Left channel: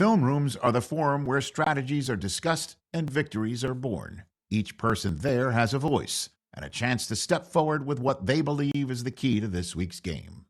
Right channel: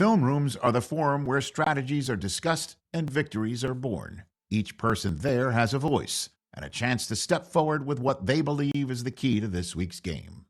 Film rooms are the forum where strategies are discussed and victories are born. Each person there has a voice and a chance to step forward with what they believe is the key to this week's game.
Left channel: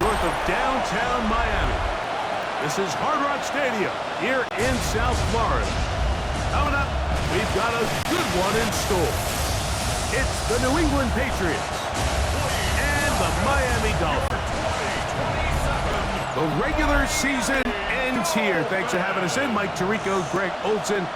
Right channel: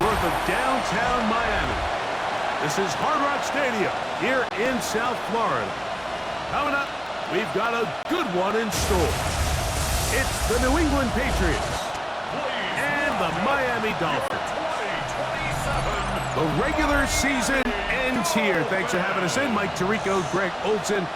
North of downtown Miami. This is Hard Rock Stadium here in South Florida. Coming up, we've got a good one in store. It's the New England Patriots and the Miami Dolphins. The regular season ends here. Thanks for having us in. Mike Tirico, Greg Olson.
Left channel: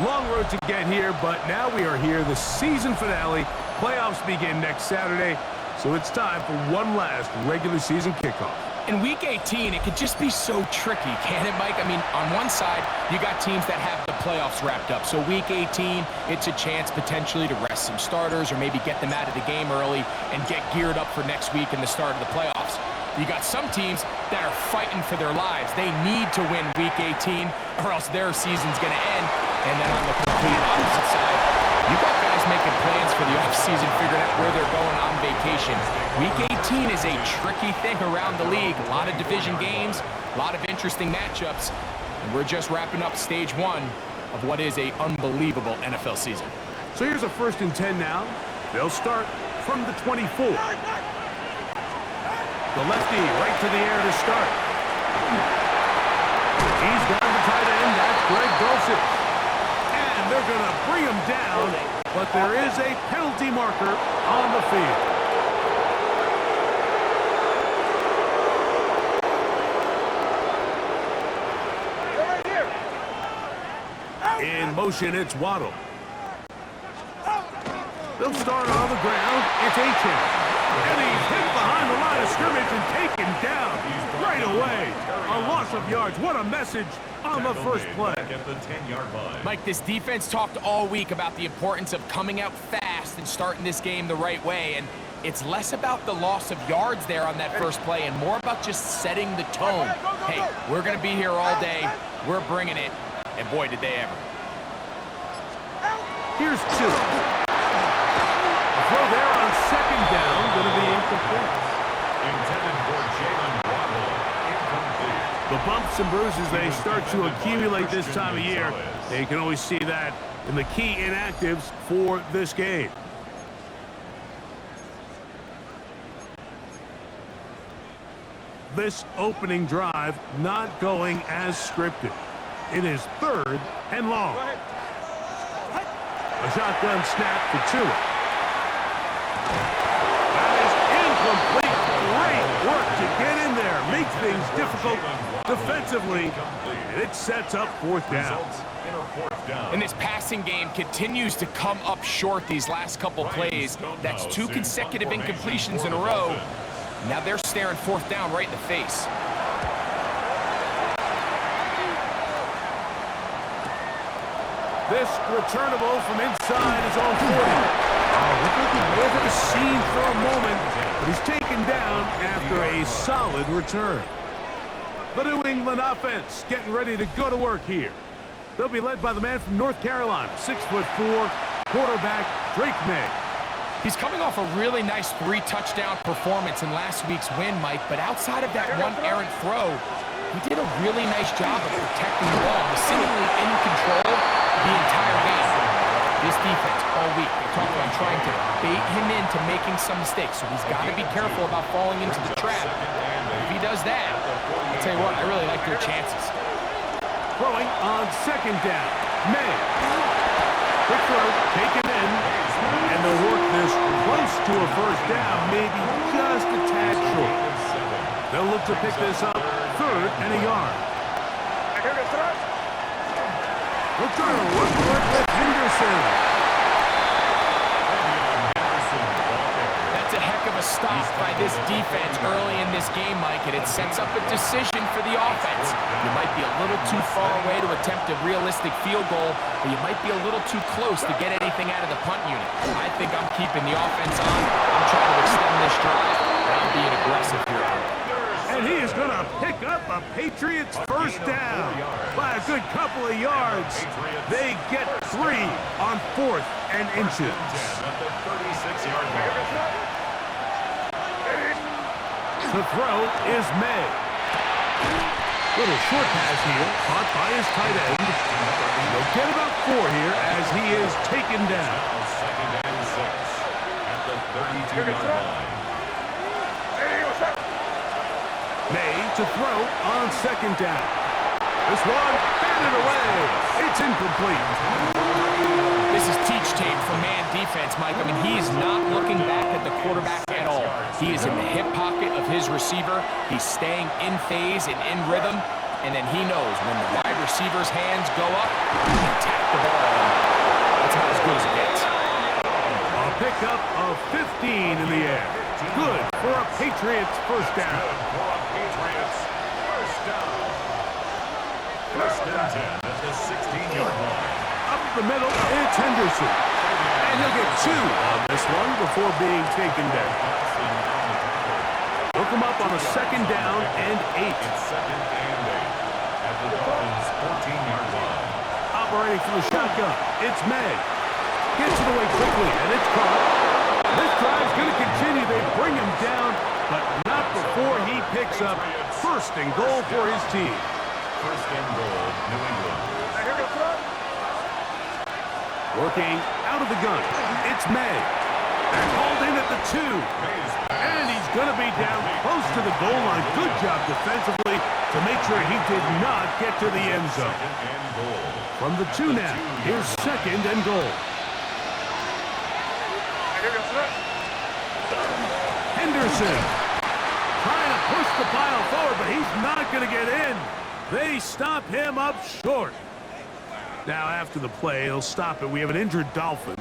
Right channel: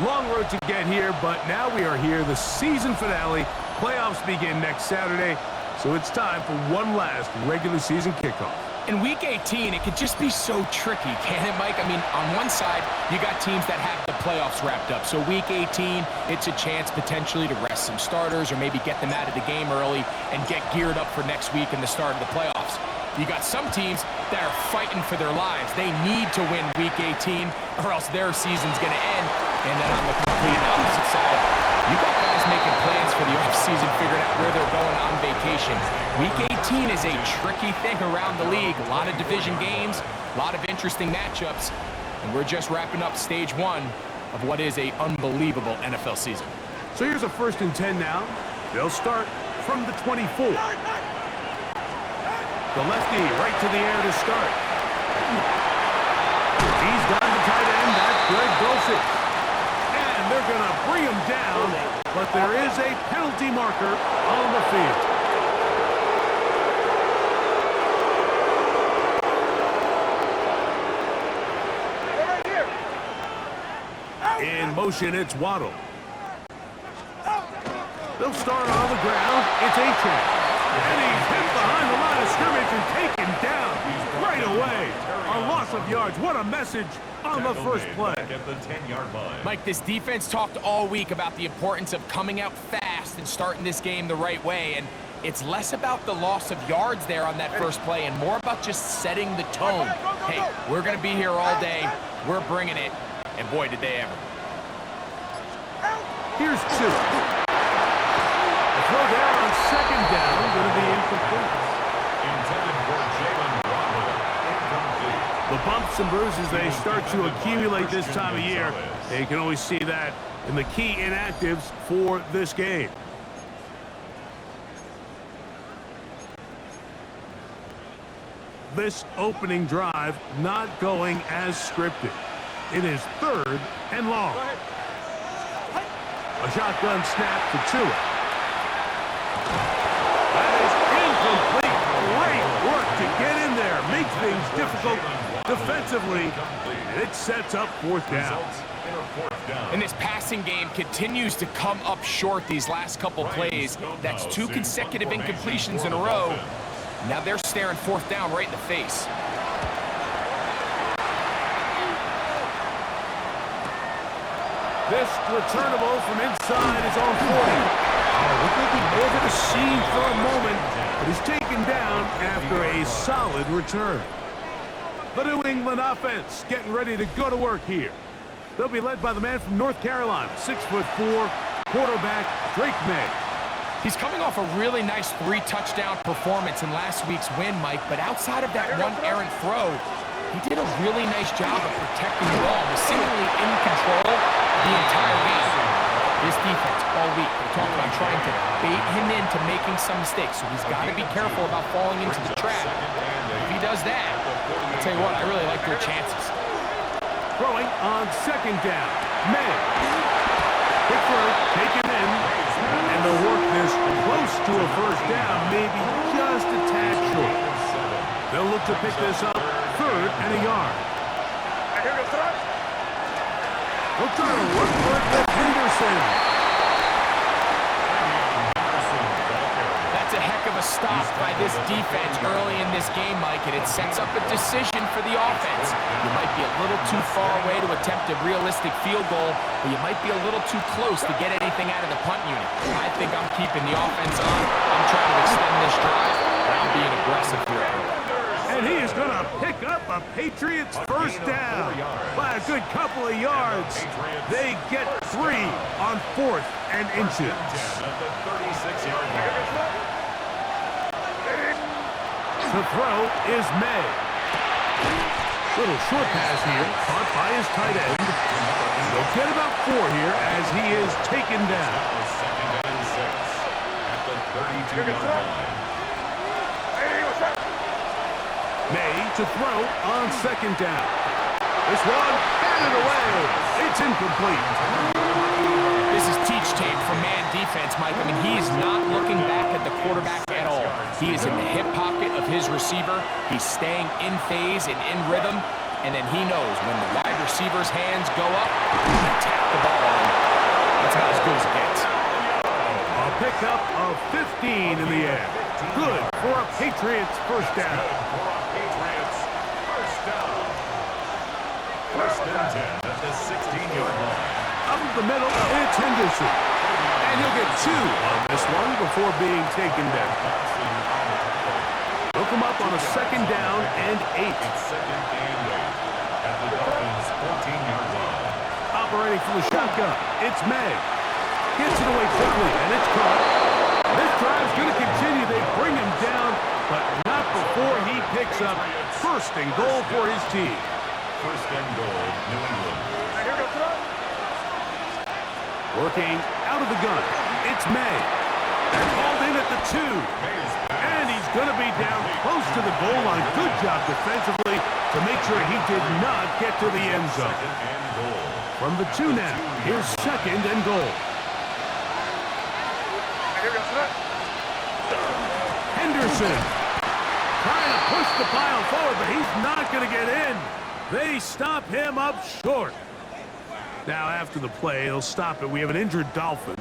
Long road to get here, but now we are here. The season finale. Playoffs begin next Saturday. So it's time for one last regular season kickoff. In Week 18, it could just be so tricky, can't it, Mike? I mean, on one side, you got teams that have the playoffs wrapped up. So Week 18, it's a chance potentially to rest some starters or maybe get them out of the game early and get geared up for next week and the start of the playoffs. You got some teams that are fighting for their lives. They need to win Week 18 or else their season's going to end. And then on the complete opposite side, you got guys making plans for the offseason, figuring out where they're going on vacation. Week 18 is a tricky thing around the league. A lot of division games, a lot of interesting matchups, and we're just wrapping up stage one of what is an unbelievable NFL season. So here's a 1st and 10 now. They'll start from the 24. The lefty right to the air to start. He's got the tight end. That's Greg Dulcich. And they're going to bring him down, but there is a penalty marker on the field. In motion, it's Waddle. They'll start on the ground. It's Achane. And he's hit behind the line of scrimmage and taken down right away. A loss of yards. What a message on the first play. At the 10-yard line. Mike, this defense talked all week about the importance of coming out fast and starting this game the right way. And it's less about the loss of yards there on that first play and more about just setting the tone. Hey, we're going to be here all day. We're bringing it. And boy, did they ever. Here's two. A throw there on 2nd down, going to be incomplete. Intended for Jalen Waddle. Incomplete. The bumps and bruises, they start to accumulate this time of year. You can always see that in the key inactives for this game. This opening drive not going as scripted. It is 3rd and long. A shotgun snap for Tua. That is incomplete. Great work to get in there. Make things difficult defensively. And it sets up 4th down. And this passing game continues to come up short these last couple plays. That's 2 consecutive incompletions in a row. Now they're staring 4th down right in the face. This returnable from inside his own 40. Oh, looked like he may have hit a seam for a moment, but he's taken down after a solid return. The New England offense getting ready to go to work here. They'll be led by the man from North Carolina, 6'4", quarterback Drake May. He's coming off a really nice 3-touchdown performance in last week's win, Mike, but outside of that one errant throw, he did a really nice job of protecting the ball. Was seemingly in control the entire game. This defense all week, they talked about trying to bait him into making some mistakes, so he's got to be careful about falling into the trap. If he does that, I'll tell you what, I really like their chances. Throwing on 2nd down. May. Quick throw, taken in, and they'll work this close to a 1st down, maybe just a tad short. They'll look to pick this up 3rd and a yard. We'll try to work for it with Henderson. That's a heck of a stop by this defense early in this game, Mike, and it sets up a decision for the offense. You might be a little too far away to attempt a realistic field goal, but you might be a little too close to get anything out of the punt unit. I think I'm keeping the offense on. I'm trying to extend this drive, and I'm being aggressive here. And he is going to pick up a Patriots 1st down by a good couple of yards. They get 3 on 4th and inches. The throw is May. Little short pass here, caught by his tight end. They'll get about 4 here as he is taken down. 2nd and 6 at the 32-yard line. May to throw on 2nd down. This one batted away. It's incomplete. This is teach tape for man defense, Mike. I mean, he is not looking back at the quarterback at all. He is in the hip pocket of his receiver. He's staying in phase and in rhythm. And then he knows when the wide receiver's hands go up, he attack the ball. And that's about as good as it gets. A pickup of 15 in the air. Good for a Patriots 1st down. Patriots 1st down. 1st and 10 at the 16-yard line. Up the middle, it's Henderson. And he'll get 2 on this one before being taken down. They'll come up on a 2nd down and 8. It's 2nd and 8 at the Dolphins 14-yard line. Operating from the shotgun, it's May. Gets it away quickly, and it's caught. This drive's going to continue. They bring him down, but not before he picks up 1st and goal for his team. 1st and goal, New England. Working out of the gun, it's May. They're called in at the 2. And he's going to be down close to the goal line. Good job defensively to make sure he did not get to the end zone. 2nd and goal. From the 2 now, here's 2nd and goal. Henderson trying to push the pile forward, but he's not going to get in. They stop him up short. Now after the play, they'll stop it. We have an injured Dolphin,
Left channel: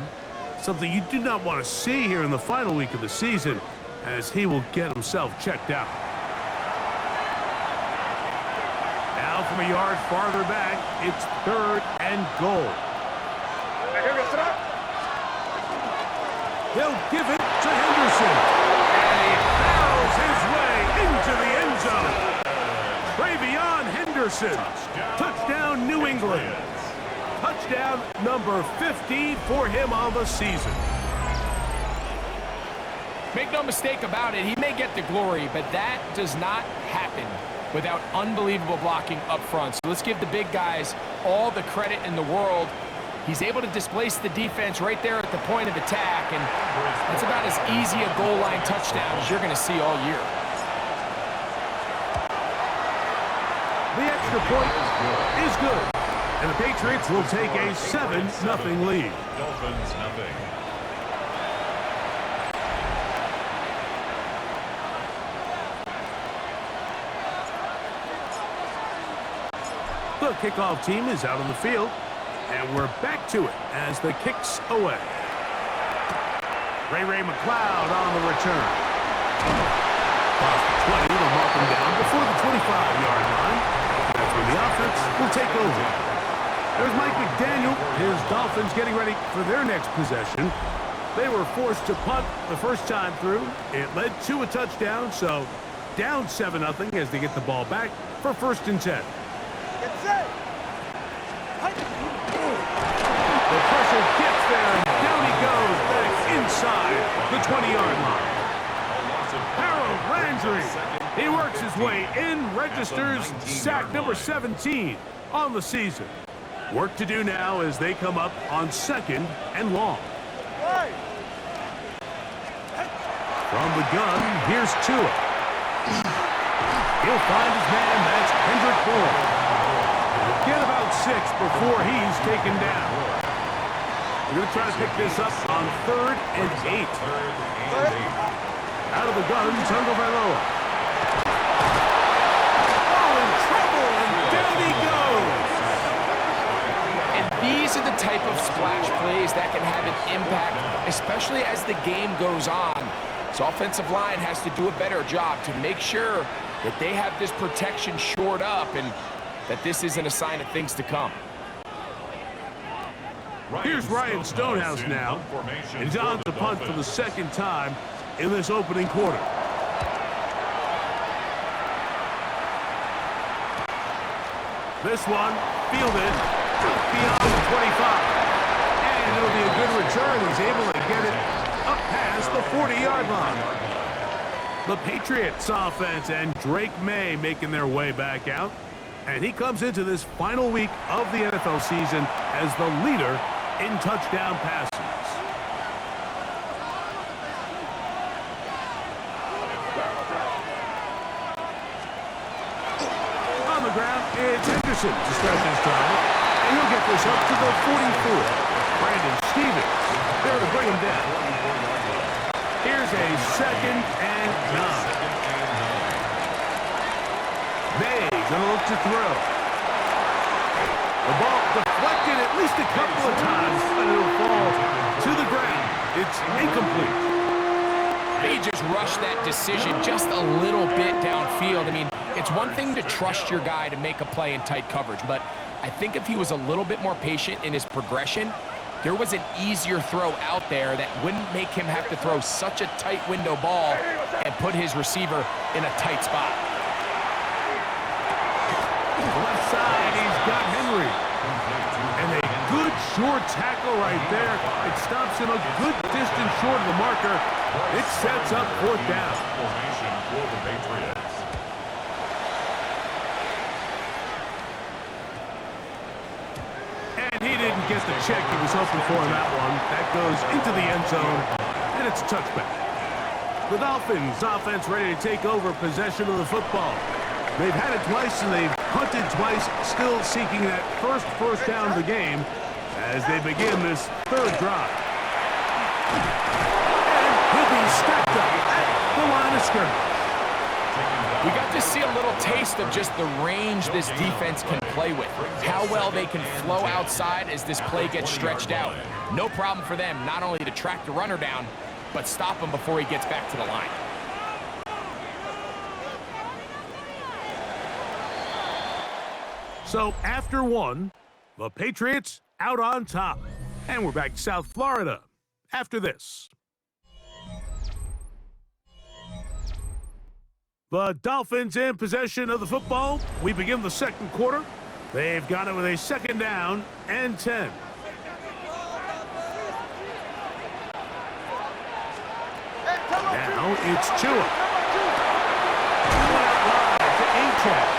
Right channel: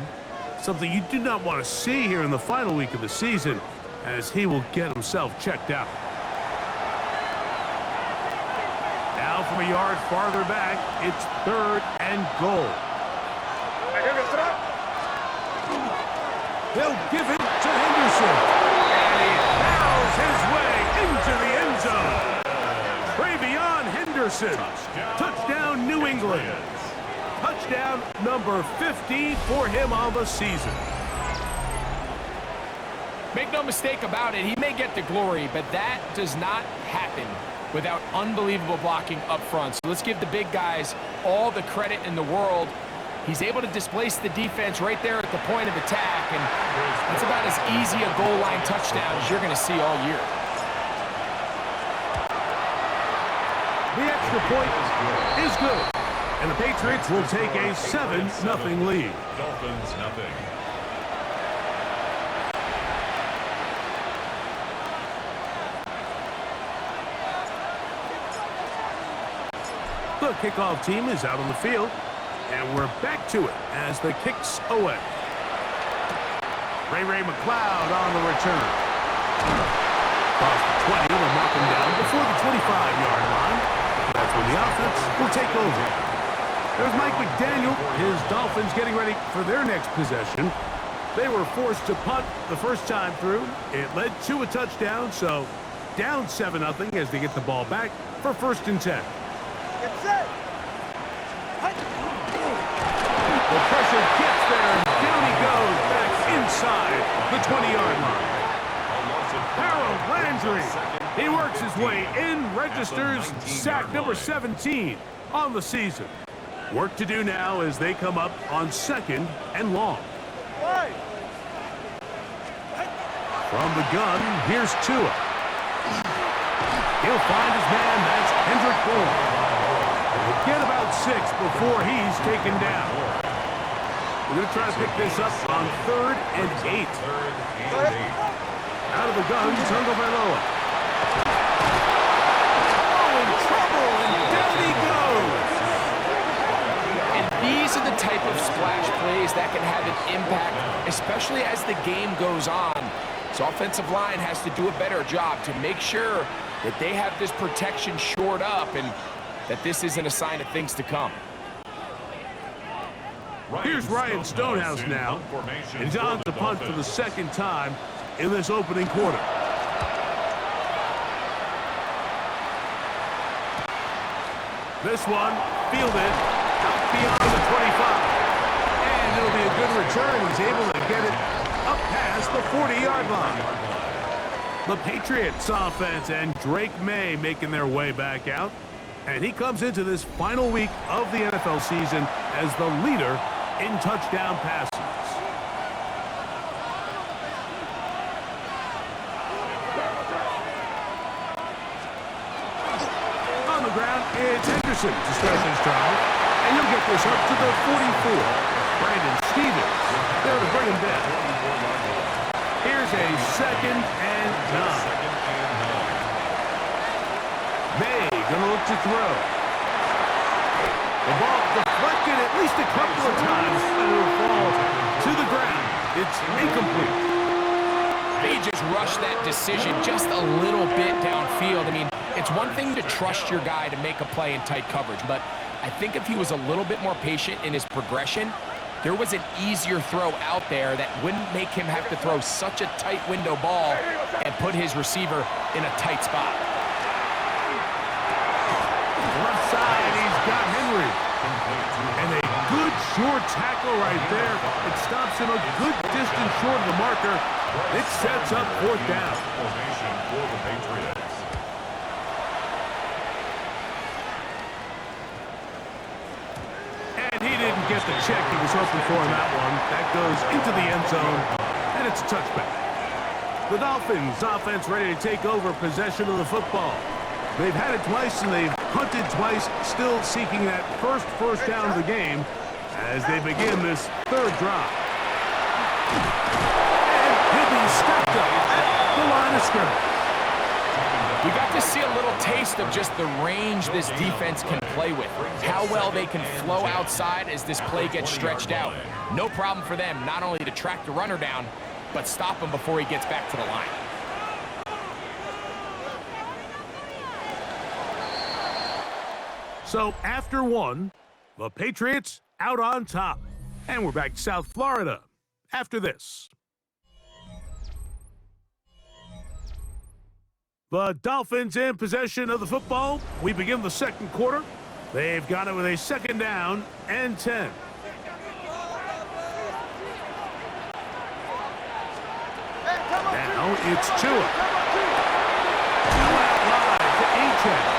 something you do not want to see here in the final week of the season, as he will get himself checked out. Now from a yard farther back, it's 3rd and goal. They'll give it to Henderson. And he barrels his way into the end zone. Travion Henderson. Touchdown, New England. Touchdown number 50 for him on the season. Make no mistake about it, he may get the glory, but that does not happen without unbelievable blocking up front. So let's give the big guys all the credit in the world. He's able to displace the defense right there at the point of attack, and that's about as easy a goal line touchdown as you're going to see all year. The extra point is good. And the Patriots will take a 7-0 lead. Dolphins nothing. The kickoff team is out on the field, and we're back to it as the kick's away. Ray McLeod on the return. Across the 20, they'll mark him down before the 25-yard line. That's when the offense will take over. There's Mike McDaniel. His Dolphins getting ready for their next possession. They were forced to punt the first time through. It led to a touchdown, so down 7-0 as they get the ball back for 1st and 10. Get set. The pressure gets there, and down he goes back inside the 20-yard line. Harold Landry, he works his way in, registers sack number 17 on the season. Work to do now as they come up on 2nd and long. From the gun, here's Tua. He'll find his man, that's Kendrick Bourne. He'll get about 6 before he's taken down. We're going to try to pick this up on 3rd and 8. Out of the gun, Tagovailoa. Oh, in trouble, and down he goes. And these are the type of splash plays that can have an impact, especially as the game goes on. So offensive line has to do a better job to make sure that they have this protection shored up and that this isn't a sign of things to come. Here's Ryan Stonehouse now, and he's on to punt for the 2nd time in this opening quarter. This one fielded out beyond the 25, and it'll be a good return. He's able to get it up past the 40-yard line. The Patriots offense and Drake May making their way back out, and he comes into this final week of the NFL season as the leader in touchdown passes. On the ground, it's Henderson to start this drive, and he'll get this up to the 44. Brandon Stevens there to bring him down. Here's a 2nd and 9. May gonna look to throw. The ball deflected at least a couple of times, and it'll fall to the ground. It's incomplete. They just rushed that decision just a little bit downfield. I mean, it's one thing to trust your guy to make a play in tight coverage, but I think if he was a little bit more patient in his progression, there was an easier throw out there that wouldn't make him have to throw such a tight window ball and put his receiver in a tight spot. Left side, he's got Henry. And a good short tackle right there. It stops him a good distance short of the marker. It sets up 4th down. Formation for the Patriots. And he didn't get the check he was hoping for in that one. That goes into the end zone, and it's a touchback. The Dolphins offense ready to take over possession of the football. They've had it twice, and they've punted twice, still seeking that first down of the game as they begin this 3rd drive. And he'll be stacked up at the line of scrimmage. We got to see a little taste of just the range this defense can play with, how well they can flow outside as this play gets stretched out. No problem for them not only to track the runner down, but stop him before he gets back to the line. So after one, the Patriots out on top. And we're back to South Florida after this. The Dolphins in possession of the football. We begin the 2nd quarter. They've got it with a 2nd down and 10. Now it's Tua. Now out wide to Achane.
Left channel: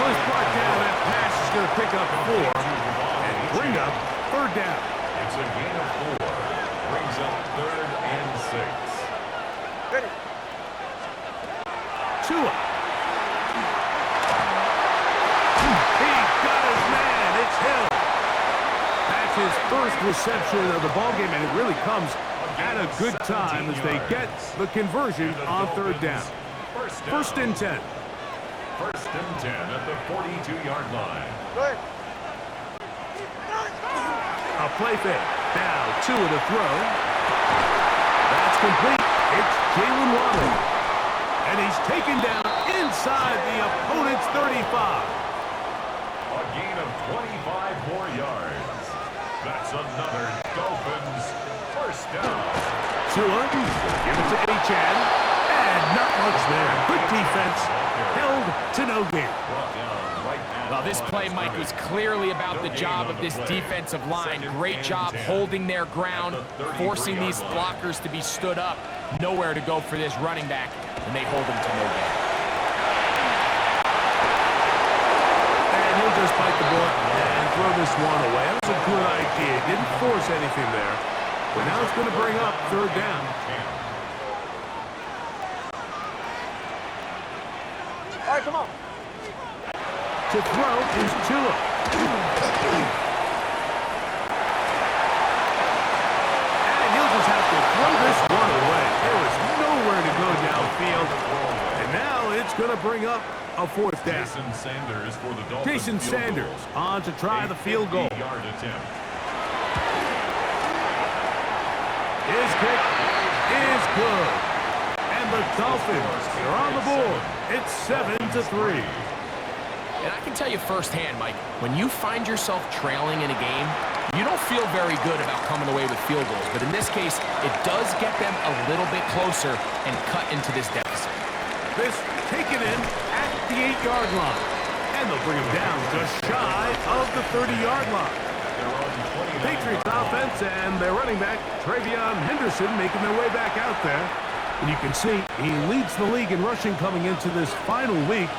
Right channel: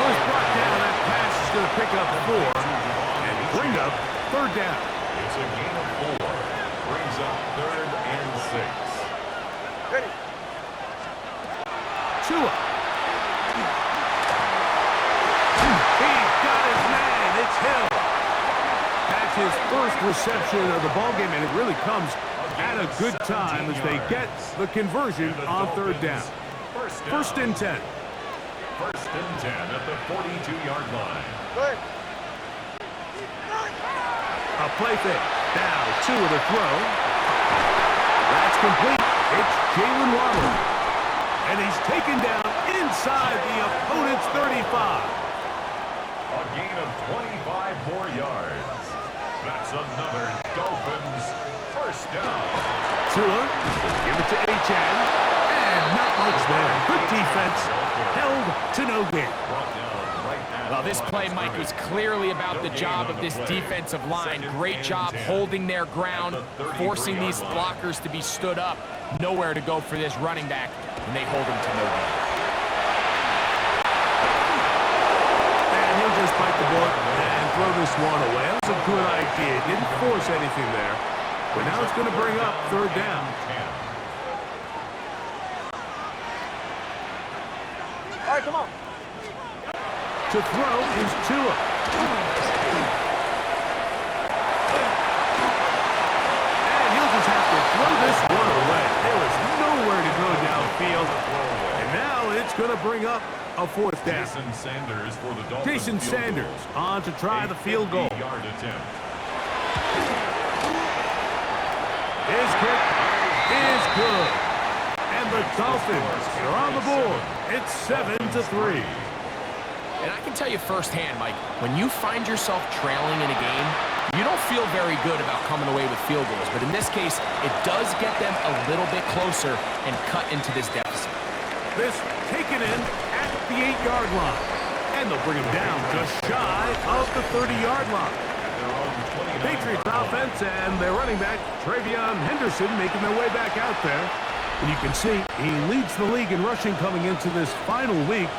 Was brought down. That pass is going to pick up 4 and bring up 3rd down. It's a gain of 4. Brings up 3rd and 6. Ready. Tua. He got his man. It's Hill. That's his first reception of the ballgame, and it really comes at a good time as they get the conversion on third down. First and 10. First and 10 at the 42-yard line. A play fake. Now, 2 of the throw. That's complete. It's Jalen Waddle. And he's taken down inside the opponent's 35. A gain of 25 more yards. That's another Dolphins first down. Tua, give it to Achan. And not much there. Good defense. Held to no gain. Well, this play, Mike, was clearly about the job of this defensive line. Great job holding their ground, forcing these blockers to be stood up. Nowhere to go for this running back, and they hold him to no gain. And he'll just bite the bullet and throw this one away. That was a good idea. Didn't force anything there. But now it's going to bring up third down. All right, come on. To throw is Tua. And he'll just have to throw this one away. There was nowhere to go downfield. And now it's going to bring up a fourth down. Jason Sanders for the Dolphins. Jason Sanders on to try the field goal. Yard attempt. His kick is good. And the Dolphins are on the board. It's 7-3. And I can tell you firsthand, Mike, when you find yourself trailing in a game, you don't feel very good about coming away with field goals. But in this case, it does get them a little bit closer and cut into this deficit. This taken in at the 8-yard line. And they'll bring him down just shy of the 30-yard line. The Patriots offense and their running back, Travion Henderson, making their way back out there. And you can see he leads the league in rushing coming into this final week.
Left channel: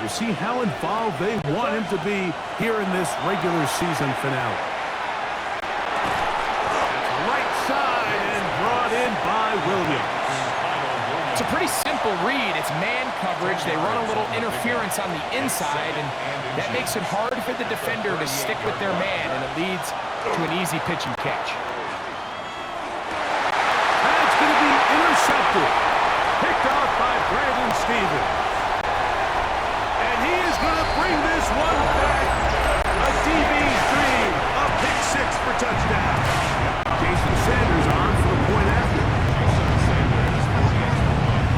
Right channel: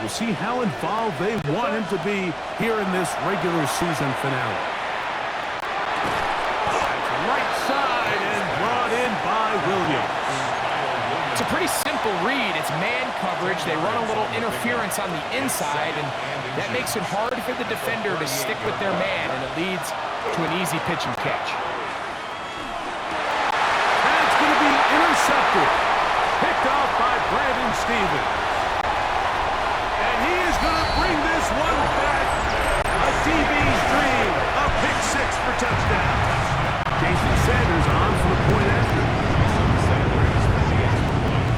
We'll see how involved they want him to be here in this regular season finale. That's right side and brought in by Williams. It's a pretty simple read. It's man coverage. They run a little interference on the inside, and that makes it hard for the defender to stick with their man, and it leads to an easy pitch and catch. That's going to be intercepted. Picked off by Brandon Stevens. And he is going to bring this one back. A DB's dream. A pick six for touchdown. Jason Sanders on for the point after. Jason Sanders for the extra point.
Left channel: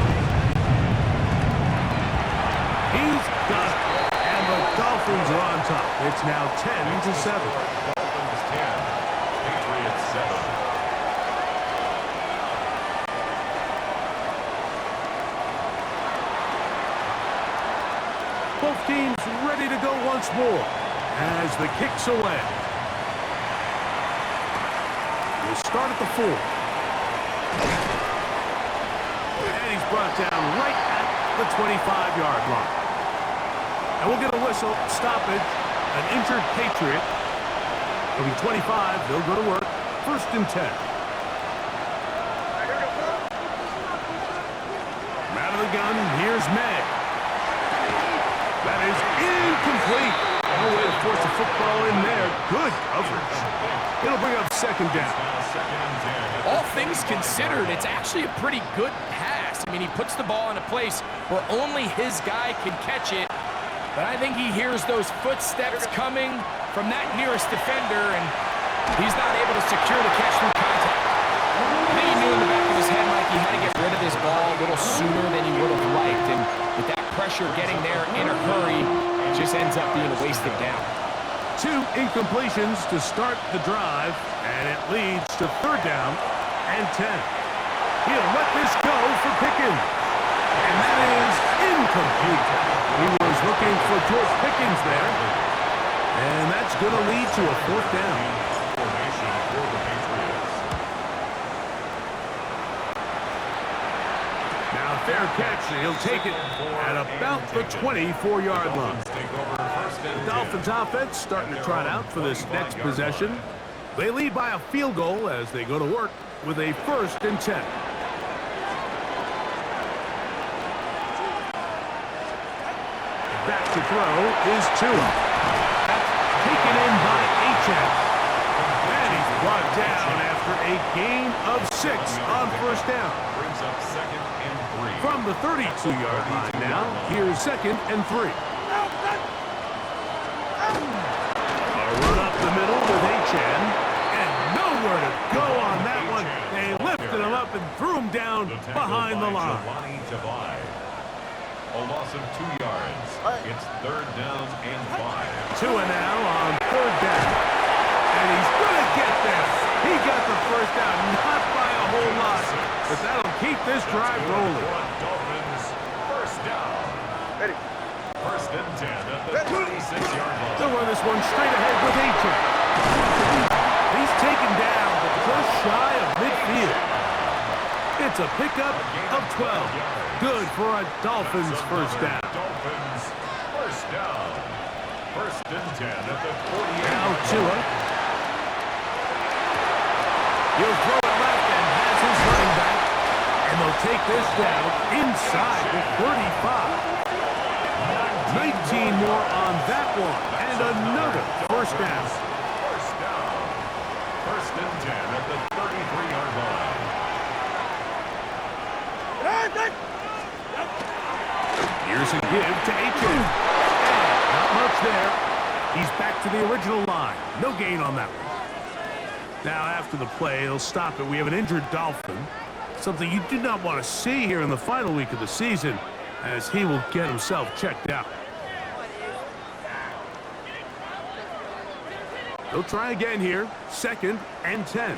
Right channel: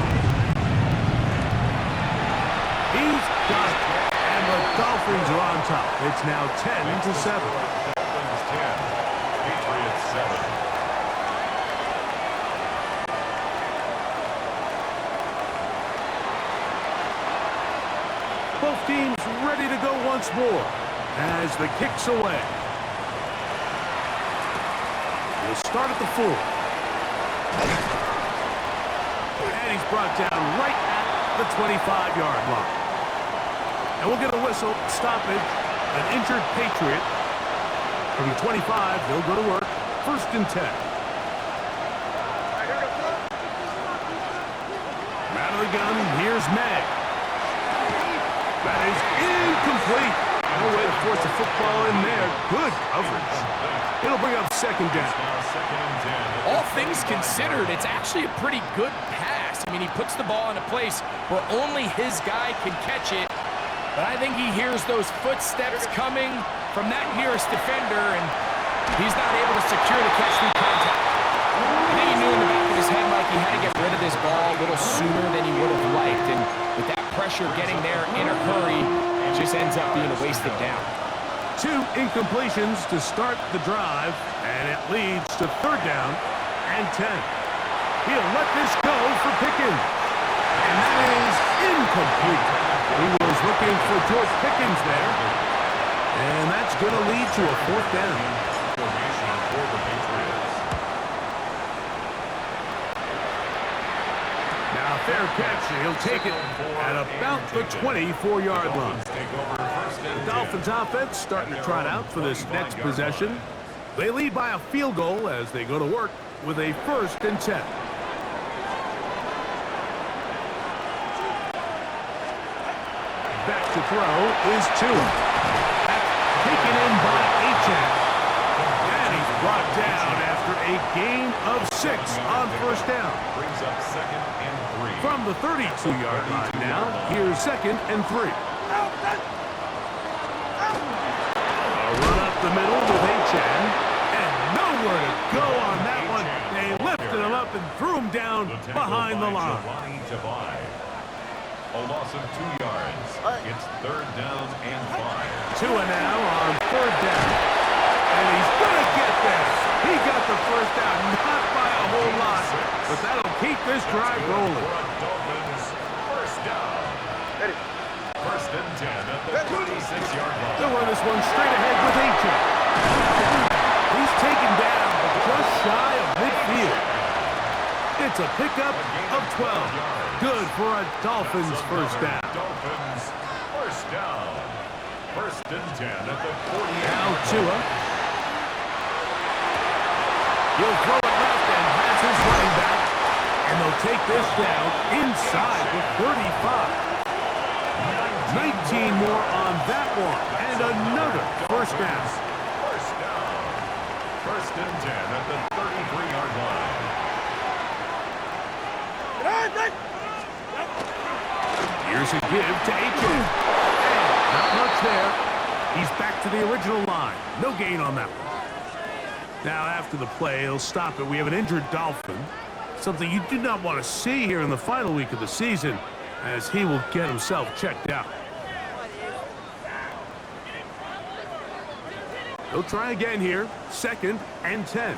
He's got it. And the Dolphins are on top. It's now 10-7. Dolphins 10. Patriots 7. Both teams ready to go once more as the kick's away. We'll start at the 4. And he's brought down right at the 25-yard line. And we'll get a whistle, stoppage, an injured Patriot. From the 25, they'll go to work. First and 10. Out of the gun, here's May. That is incomplete. No way to force the football in there. Good coverage. It'll bring up second down. All things considered, it's actually a pretty good pass. I mean, he puts the ball in a place where only his guy can catch it. But I think he hears those footsteps coming from that nearest defender, and he's not able to secure the catch through contact. I think he knew in the back of his head, Mike, he had to get rid of this ball a little sooner than he would have liked. And with that pressure getting there in a hurry, it just ends up being a wasted down. 2 incompletions to start the drive, and it leads to third down and 10. He'll let this go for Pickens. And that is incomplete. He was looking for George Pickens there. And that's going to lead to a fourth down. Formation for the Patriots. Now fair catch. He'll take it at about the 24-yard line. The Dolphins offense starting to trot out for this next possession. They lead by a field goal as they go to work with a first and 10. Back to throw is Tua. That's taken in by H.S. And he's brought down after a gain of 6 on first down. Brings up 2nd and 3. From the 32-yard line now, here's 2nd and 3. A run up the middle with H.N. And nowhere to go on that one. They lifted him up and threw him down behind the line. A loss of 2 yards. It's 3rd down and 5. Tua now on 3rd down. And he's going to get there. He got the first down, not by a whole lot. But that'll keep this drive rolling. Dolphins, first down. Ready. 1st and 10 at the 36-yard line. They'll run this one straight ahead with H.N. He's taken down, but just shy of midfield. It's a pickup of 12. Good for a Dolphins first down. Dolphins, first down. 1st and 10 at the 48. Now Tua. He'll throw it left and has his running back. And they'll take this down inside the 35. 19 more on that one. And another first down. First down. 1st and 10 at the 33-yard line. Here's a give to H.N. And not much there. He's back to the original line. No gain on that one. Now after the play, he'll stop it. We have an injured Dolphin. Something you do not want to see here in the final week of the season, as he will get himself checked out. He'll try again here. 2nd and 10.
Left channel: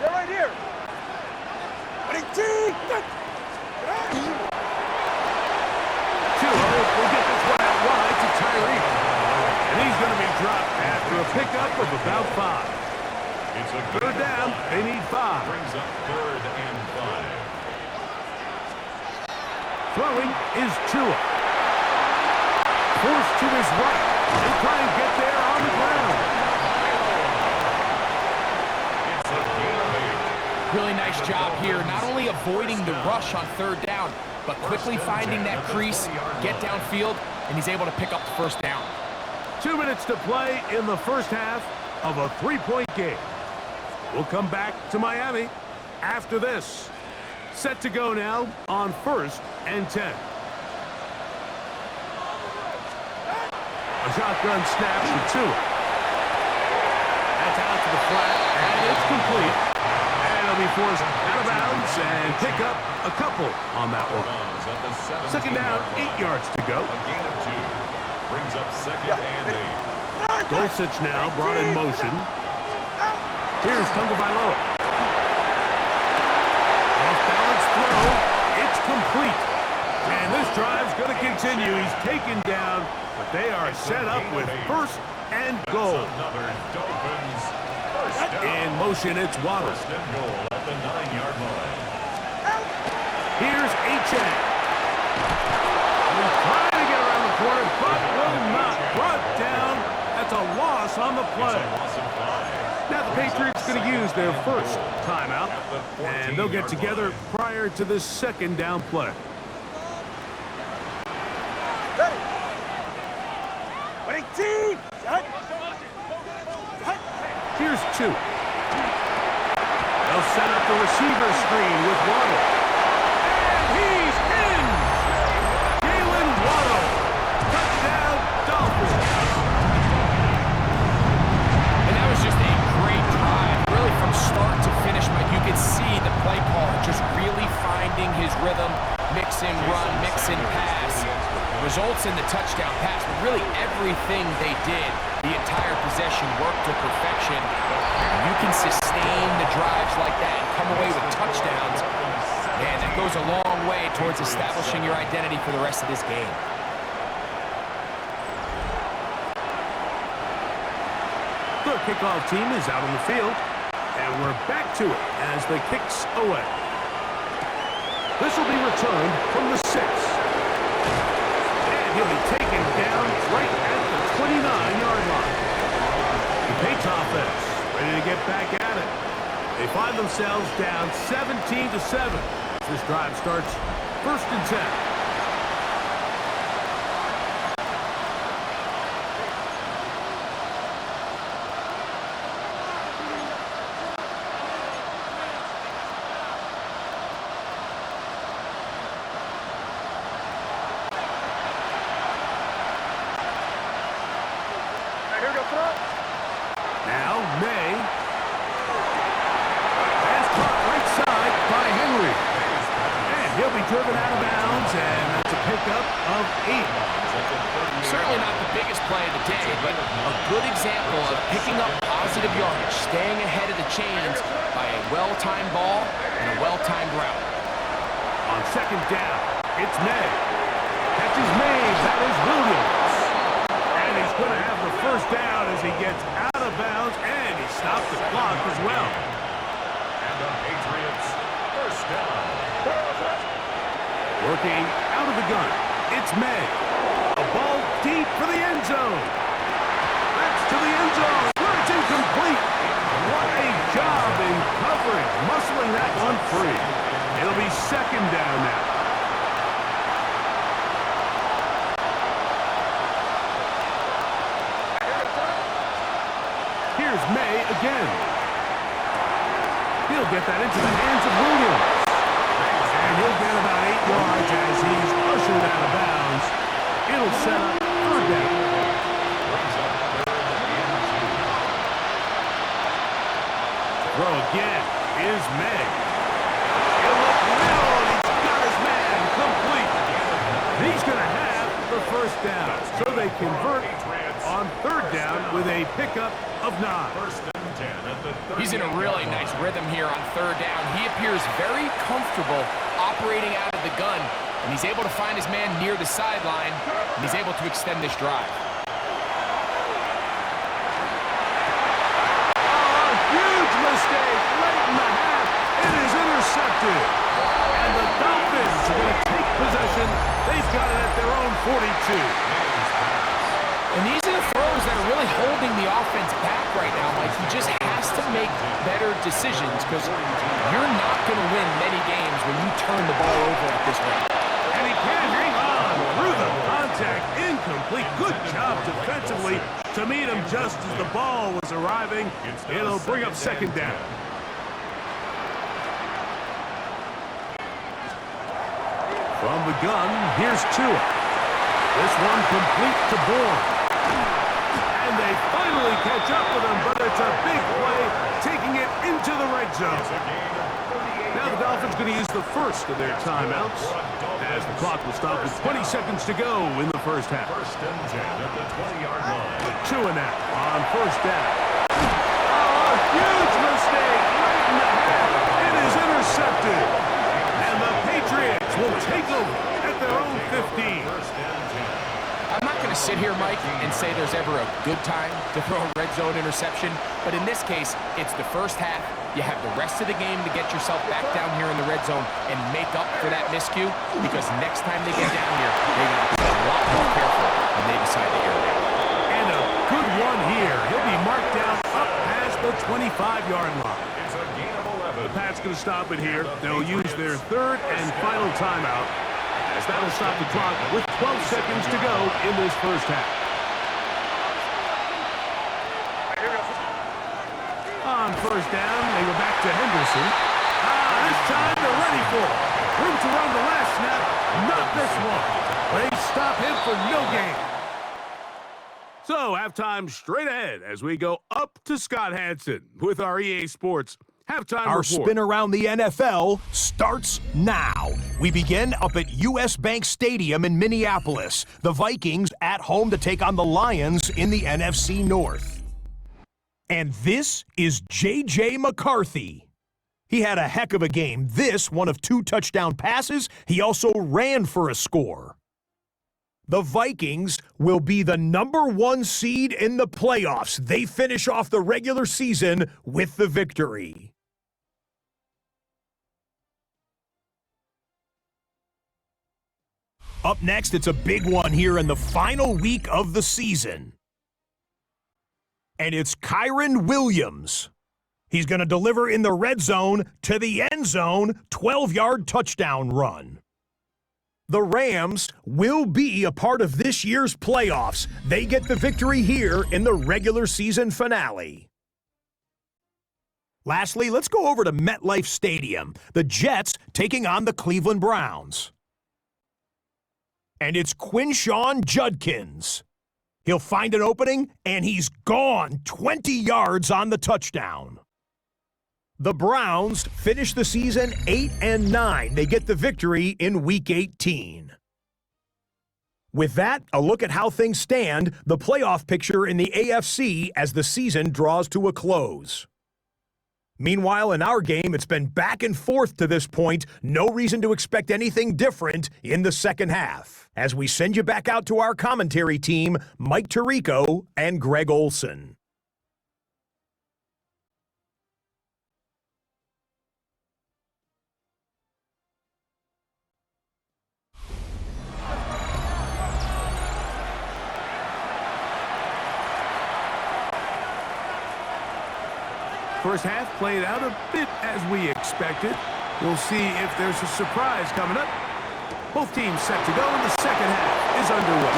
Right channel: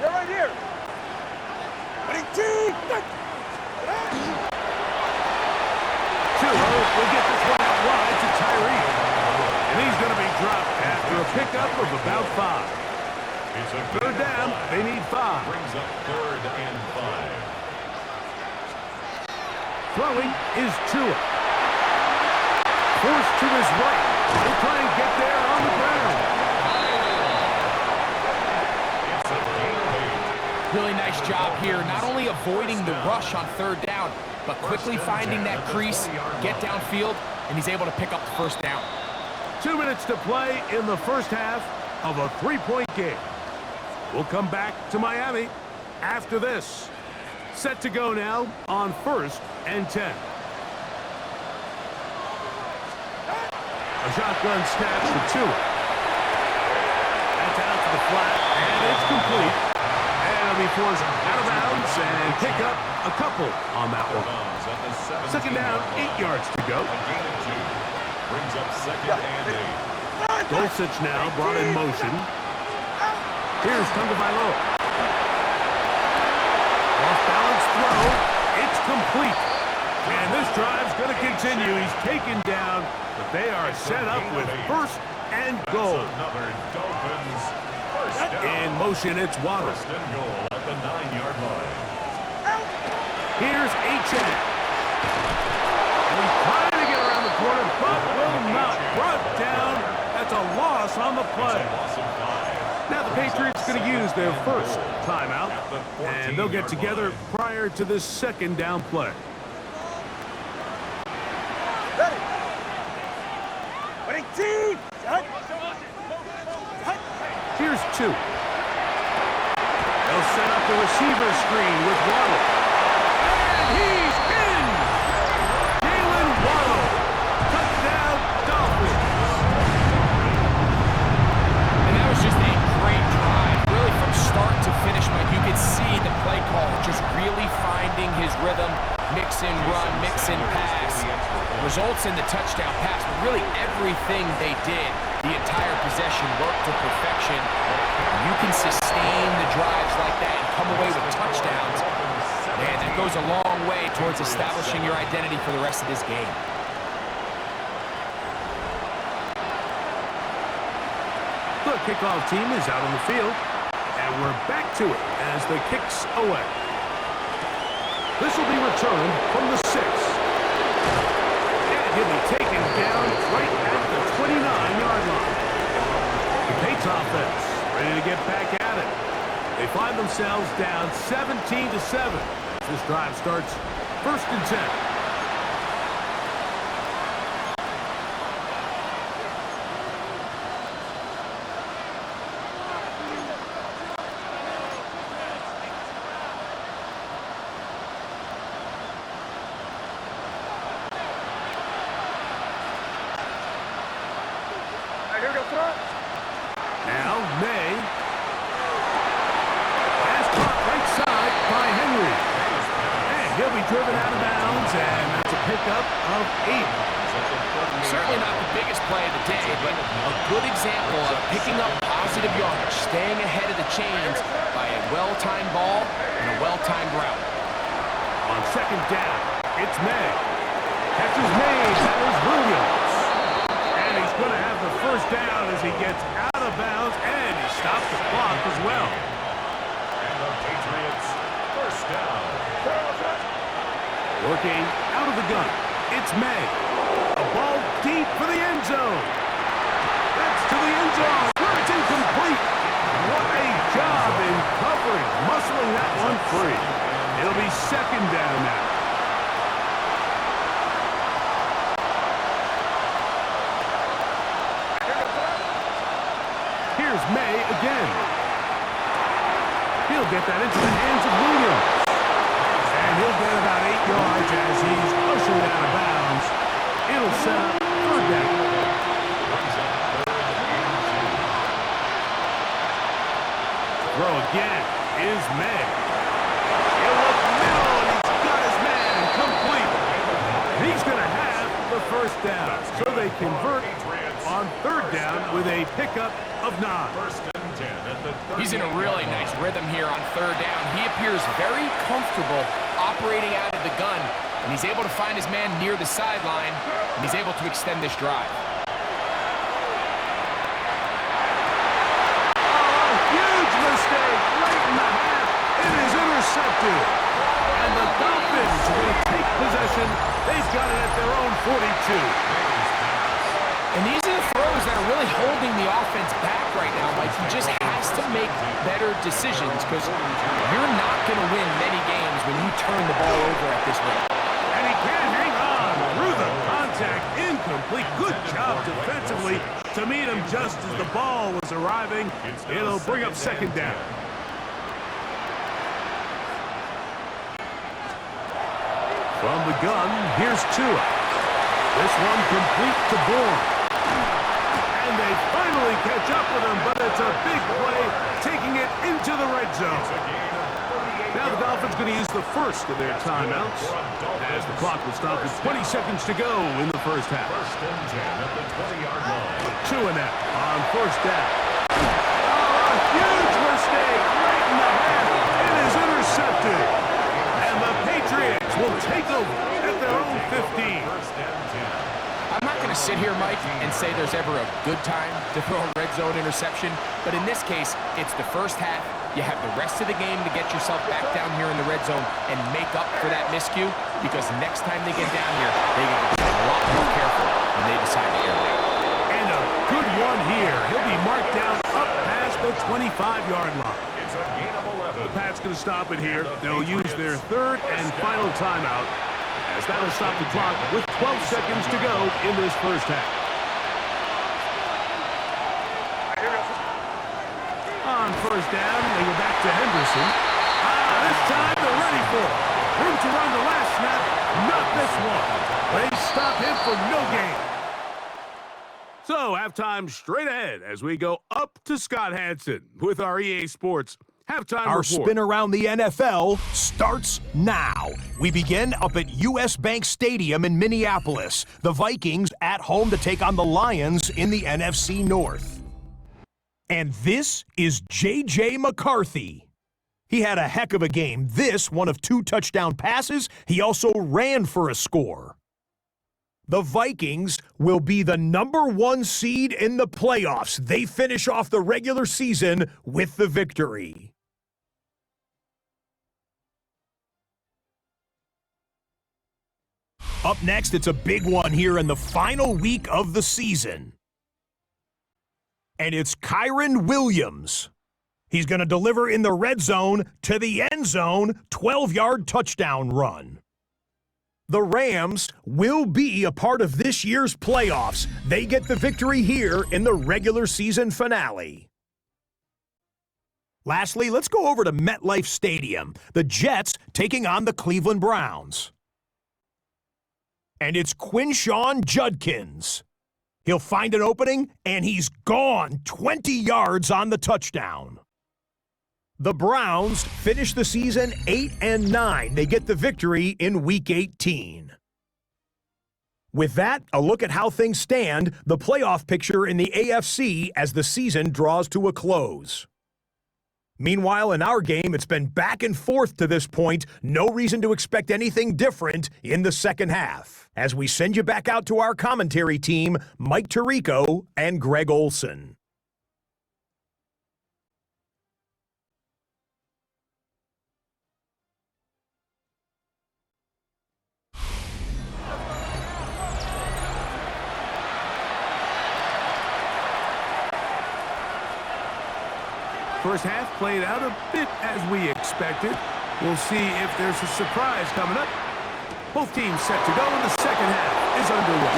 They're right here. Tua will get this one out wide to Tyreek. And he's going to be dropped after a pickup of about 5. It's a 3rd down. They need 5. Brings up 3rd and 5. Throwing is Tua. Forced to his right. He'll try and get there on the ground. It's a gain of 8. Really nice job here, not only avoiding the rush on 3rd down, but quickly finding that crease, get downfield, and he's able to pick up the first down. 2 minutes to play in the first half of a 3-point game. We'll come back to Miami after this. Set to go now on 1st and 10. A shotgun snap for Tua. That's out to the flat, and it's complete. And it'll be forced out of bounds and pick up a couple on that one. 2nd down, 8 yards to go. A gain of 2. Brings up 2nd and 8. Dulcich now brought in motion. Here's Tagovailoa. Off-balance throw. It's complete. And this drive's going to continue. He's taken down, but they are set up with 1st and goal. Another Dolphins first down. In motion, it's Waddle. 1st and goal at the 9-yard line. Here's H.N. And he's trying to get around the corner, but will not. Brought down. That's a loss on the play. It's a loss of 5. Now the Patriots going to use their first timeout, and they'll get together prior to this 2nd down play. Ready. Here's 2. They'll set up the receiver screen with Waddle. And he's in! Jalen Waddle. Touchdown, Dolphins. And that was just a great drive. Really from start to finish, Mike, you could see the play caller just really finding his rhythm, mix and run, mix and pass. Results in the touchdown pass, but really everything they did, the entire possession worked to perfection. You can sustain the drives like that and come away with touchdowns. Man, that goes a long way towards establishing your identity for the rest of this game. The kickoff team is out on the field, and we're back to it as the kick's away. This will be returned from the 6. And he'll be taken down right at the 29-yard line. The Patriots offense ready to get back at it. They find themselves down 17-7 as this drive starts 1st and 10. now, May. Pass caught right side by Henry. And he'll be driven out of bounds, and that's a pickup of 8. Certainly not the biggest play of the day, but a good example of picking up positive yardage, staying ahead of the chains by a well-timed ball and a well-timed route. On second down, it's May. Catch is made. That is Williams. And he's going to have the first down as he gets out of bounds, and he stopped the clock as well. And the Patriots, first down. Working out of the gun, it's May. A ball deep for the end zone. That's to the end zone where it's incomplete. What a job in coverage, muscling that one free. It'll be second down now. Here's May again. He'll get that into the hands of Williams. And he'll get about 8 yards as he's ushered out of bounds. It'll set up third down. Throw again is May. He'll look middle, and he's got his man complete. He's going to have the first down. So they convert on third down with a pickup of 9. First and 10 at the 30. He's in a really nice rhythm here on third down. He appears very comfortable operating out of the gun, and he's able to find his man near the sideline, and he's able to extend this drive. Oh, a huge mistake late in the half. It is intercepted. And the Dolphins are going to take possession. They've got it at their own 42. And these are the throws that are really holding the offense back right now, Mike. He just has to make better decisions because you're not going to win many games when you turn the ball over at this rate. And he can't hang on through the contact. Incomplete. Good job defensively to meet him just as the ball was arriving. It'll bring up second down. From the gun, here's Tua. This one complete to Bourne. And they finally catch up with him, but it's a big play, taking it into the red zone. Now the Dolphins going to use the first of their timeouts as the clock will stop with 20 seconds to go in the first half. First and 10 at the 20-yard line. Tua now on first down. Oh, a huge mistake late in the half. It is intercepted. And the Patriots will take over at their own 15. First and 10. I'm not going to sit here, Mike, and say there's ever a good time to throw a red zone interception, but in this case, it's the first half. You have the rest of the game to get yourself back down here in the red zone and make up for that miscue, because next time they get down here, they got to be a lot more careful when they decide to air it out. And a good one here. He'll be marked down up past the 25-yard line. It's a gain of 11. The Pats going to stop it here. They'll use their third and final timeout, as that'll stop the clock with 12 seconds to go in this first half. On first down, they go back to Henderson. This time they're ready for it. Room to run the last snap, not this one. They stop him for no gain. So halftime straight ahead as we go up to Scott Hansen with our EA Sports halftime Our report. spin around the NFL starts now. We begin up at US Bank Stadium in Minneapolis. The Vikings at home to take on the Lions in the NFC North. And this is J.J. McCarthy. He had a heck of a game. This, one of 2 touchdown passes. He also ran for a score. The Vikings will be the #1 seed in the playoffs. They finish off the regular season with the victory. Up next, it's a big one here in the final week of the season. And it's Kyren Williams. He's going to deliver in the red zone to the end zone, 12-yard touchdown run. The Rams will be a part of this year's playoffs. They get the victory here in the regular season finale. Lastly, let's go over to MetLife Stadium. The Jets taking on the Cleveland Browns. And it's Quinshawn Judkins. He'll find an opening, and he's gone 20 yards on the touchdown. The Browns finish the season 8-9. They get the victory in Week 18. With that, a look at how things stand, the playoff picture in the AFC as the season draws to a close. Meanwhile, in our game, it's been back and forth to this point. No reason to expect anything different in the second half. As we send you back out to our commentary team, Mike Tirico and Greg Olson. First half played out a bit as we expected. We'll see if there's a surprise coming up. Both teams set to go, and the second half is underway.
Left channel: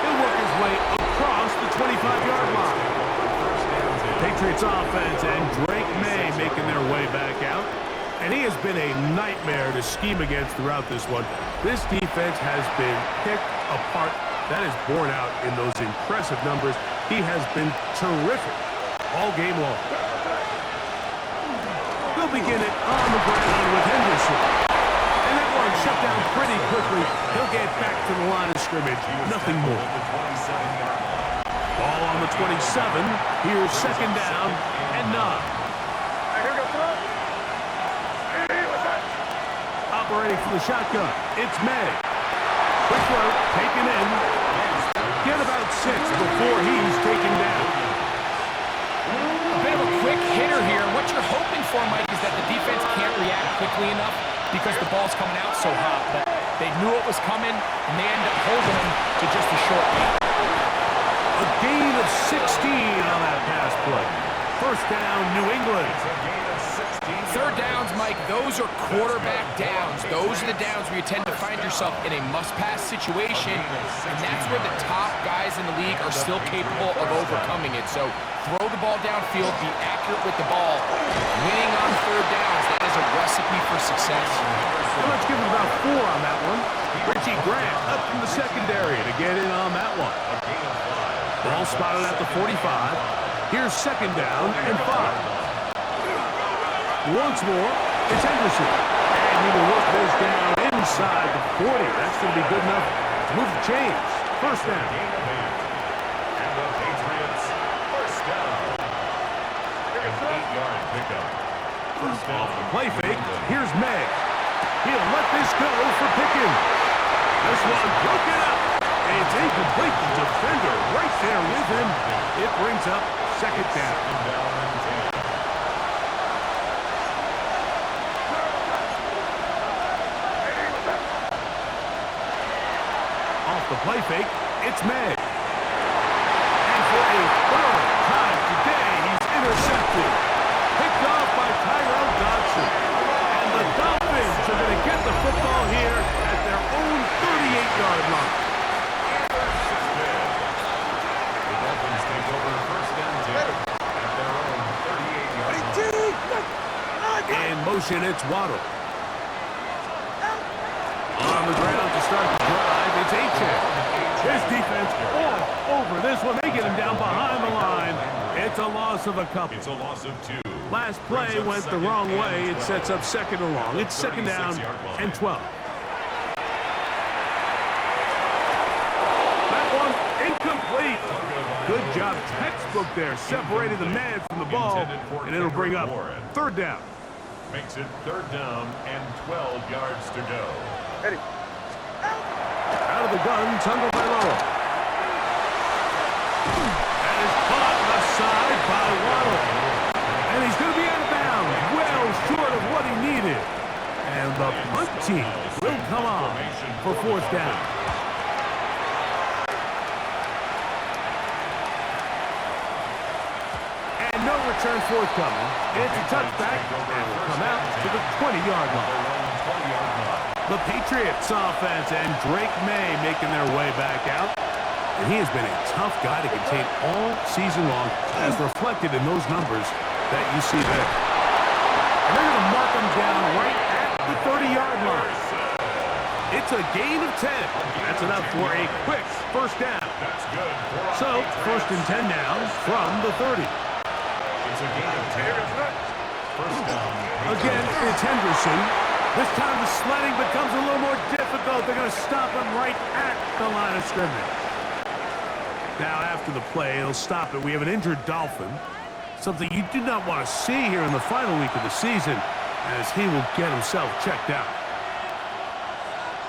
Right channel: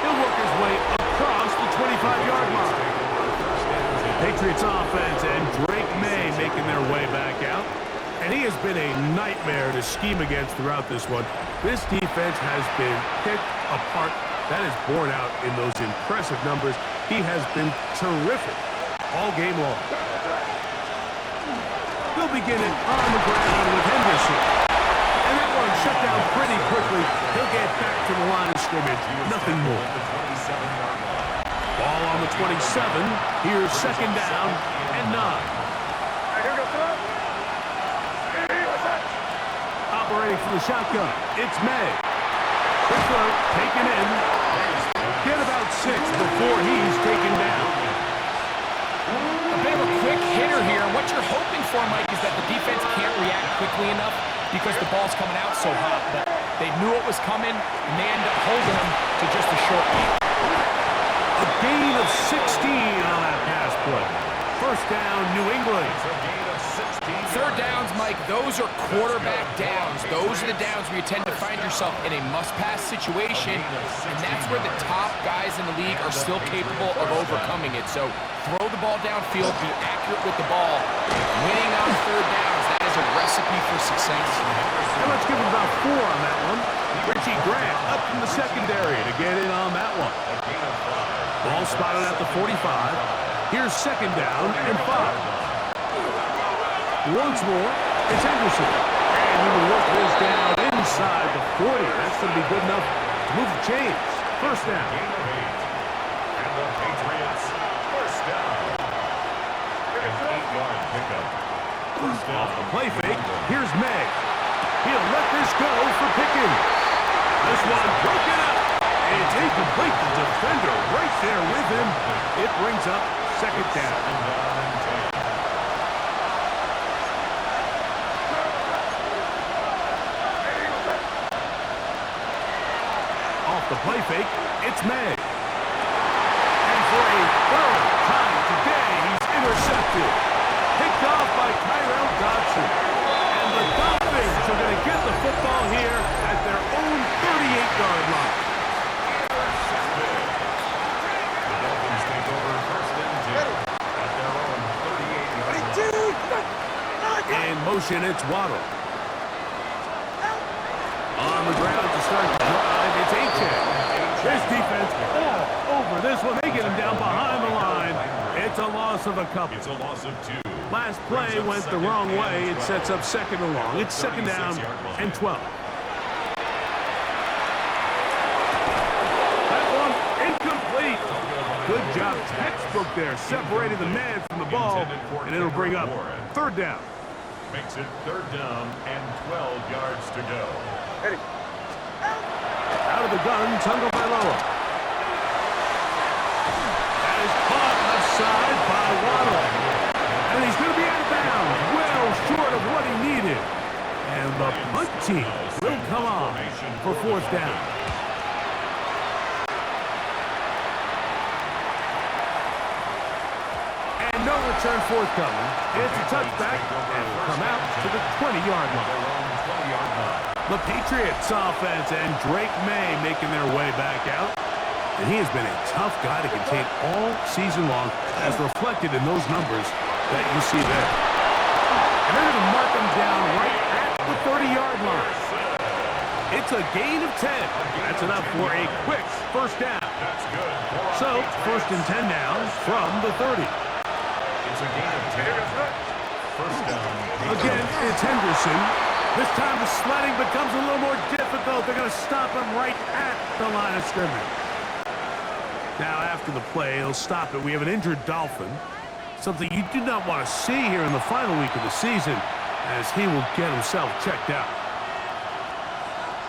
He'll work his way across the 25-yard line. Patriots offense and Drake May making their way back out. And he has been a nightmare to scheme against throughout this one. This defense has been picked apart. That is borne out in those impressive numbers. He has been terrific all game long. They'll begin it on the ground with Henderson. And that one shut down pretty quickly. He'll get back to the line of scrimmage. Nothing more. Ball on the 27. Here's second down and 9. Here we go, throw. Hey, what's that? Operating from the shotgun, it's May. Quick throw, taken in. Get about 6 before he's taken down. A bit of a quick hitter here. What you're hoping for, Mike, is that the defense can't react quickly enough because the ball's coming out so hot. But they knew it was coming, and they end up holding him to just a short gain. A gain of 16 on that pass play. First down, New England. Third downs, Mike, those are quarterback downs. Those are the downs where you tend to find yourself in a must-pass situation, and that's where the top guys in the league are still capable of overcoming it. So throw the ball downfield, be accurate with the ball. Winning on third downs, that is a recipe for success. And let's give him about 4 on that one. Richie Grant up from the secondary to get in on that one. Ball spotted at the 45. Here's second down and 5. Once more, it's Henderson. And he will work this down inside the 40. That's going to be good enough to move the chains. First down. And the Patriots, first down. An 8-yard pickup. First down. Off the play fake, here's May. He'll let this go for Pickens. This one broken up. It's incomplete. The defender right there with him. It brings up second down. Second down and 10. Off the play fake, it's May. And for a third time today, he's intercepted. Picked off by Tyrell Dodson. And the Dolphins are going to get the football here at their own 38-yard line. The Dolphins take over first and 10 at their own 38-yard line. In motion, it's Waddle. On the ground to start the drive, it's Achane. His defense all over this one. They get him down behind the line. It's a loss of a couple. It's a loss of 2. Last play went the wrong way. It sets up second and long. It's second down and 12. That one incomplete. Good job, textbook there. Separated the man from the ball, and it'll bring up third down. Makes it third down and 12 yards to go. Ready. Out of the gun, Tagovailoa. That is caught left side by Waddle. And he's going to be out of bounds, well short of what he needed. And the punt team will come on for fourth down. And no return forthcoming. It's a touchback, and will come out to the 20-yard line. The Patriots offense and Drake May making their way back out. And he has been a tough guy to contain all season long, as reflected in those numbers that you see there. And they're going to mark him down right at the 30-yard line. It's a gain of 10. That's enough for a quick first down. That's good. So, first and 10 now from the 30. It's a gain of 10. First down. Again, it's Henderson. This time the sledding becomes a little more difficult. They're going to stop him right at the line of scrimmage. Now, after the play, they'll stop it. We have an injured Dolphin. Something you do not want to see here in the final week of the season, as he will get himself checked out.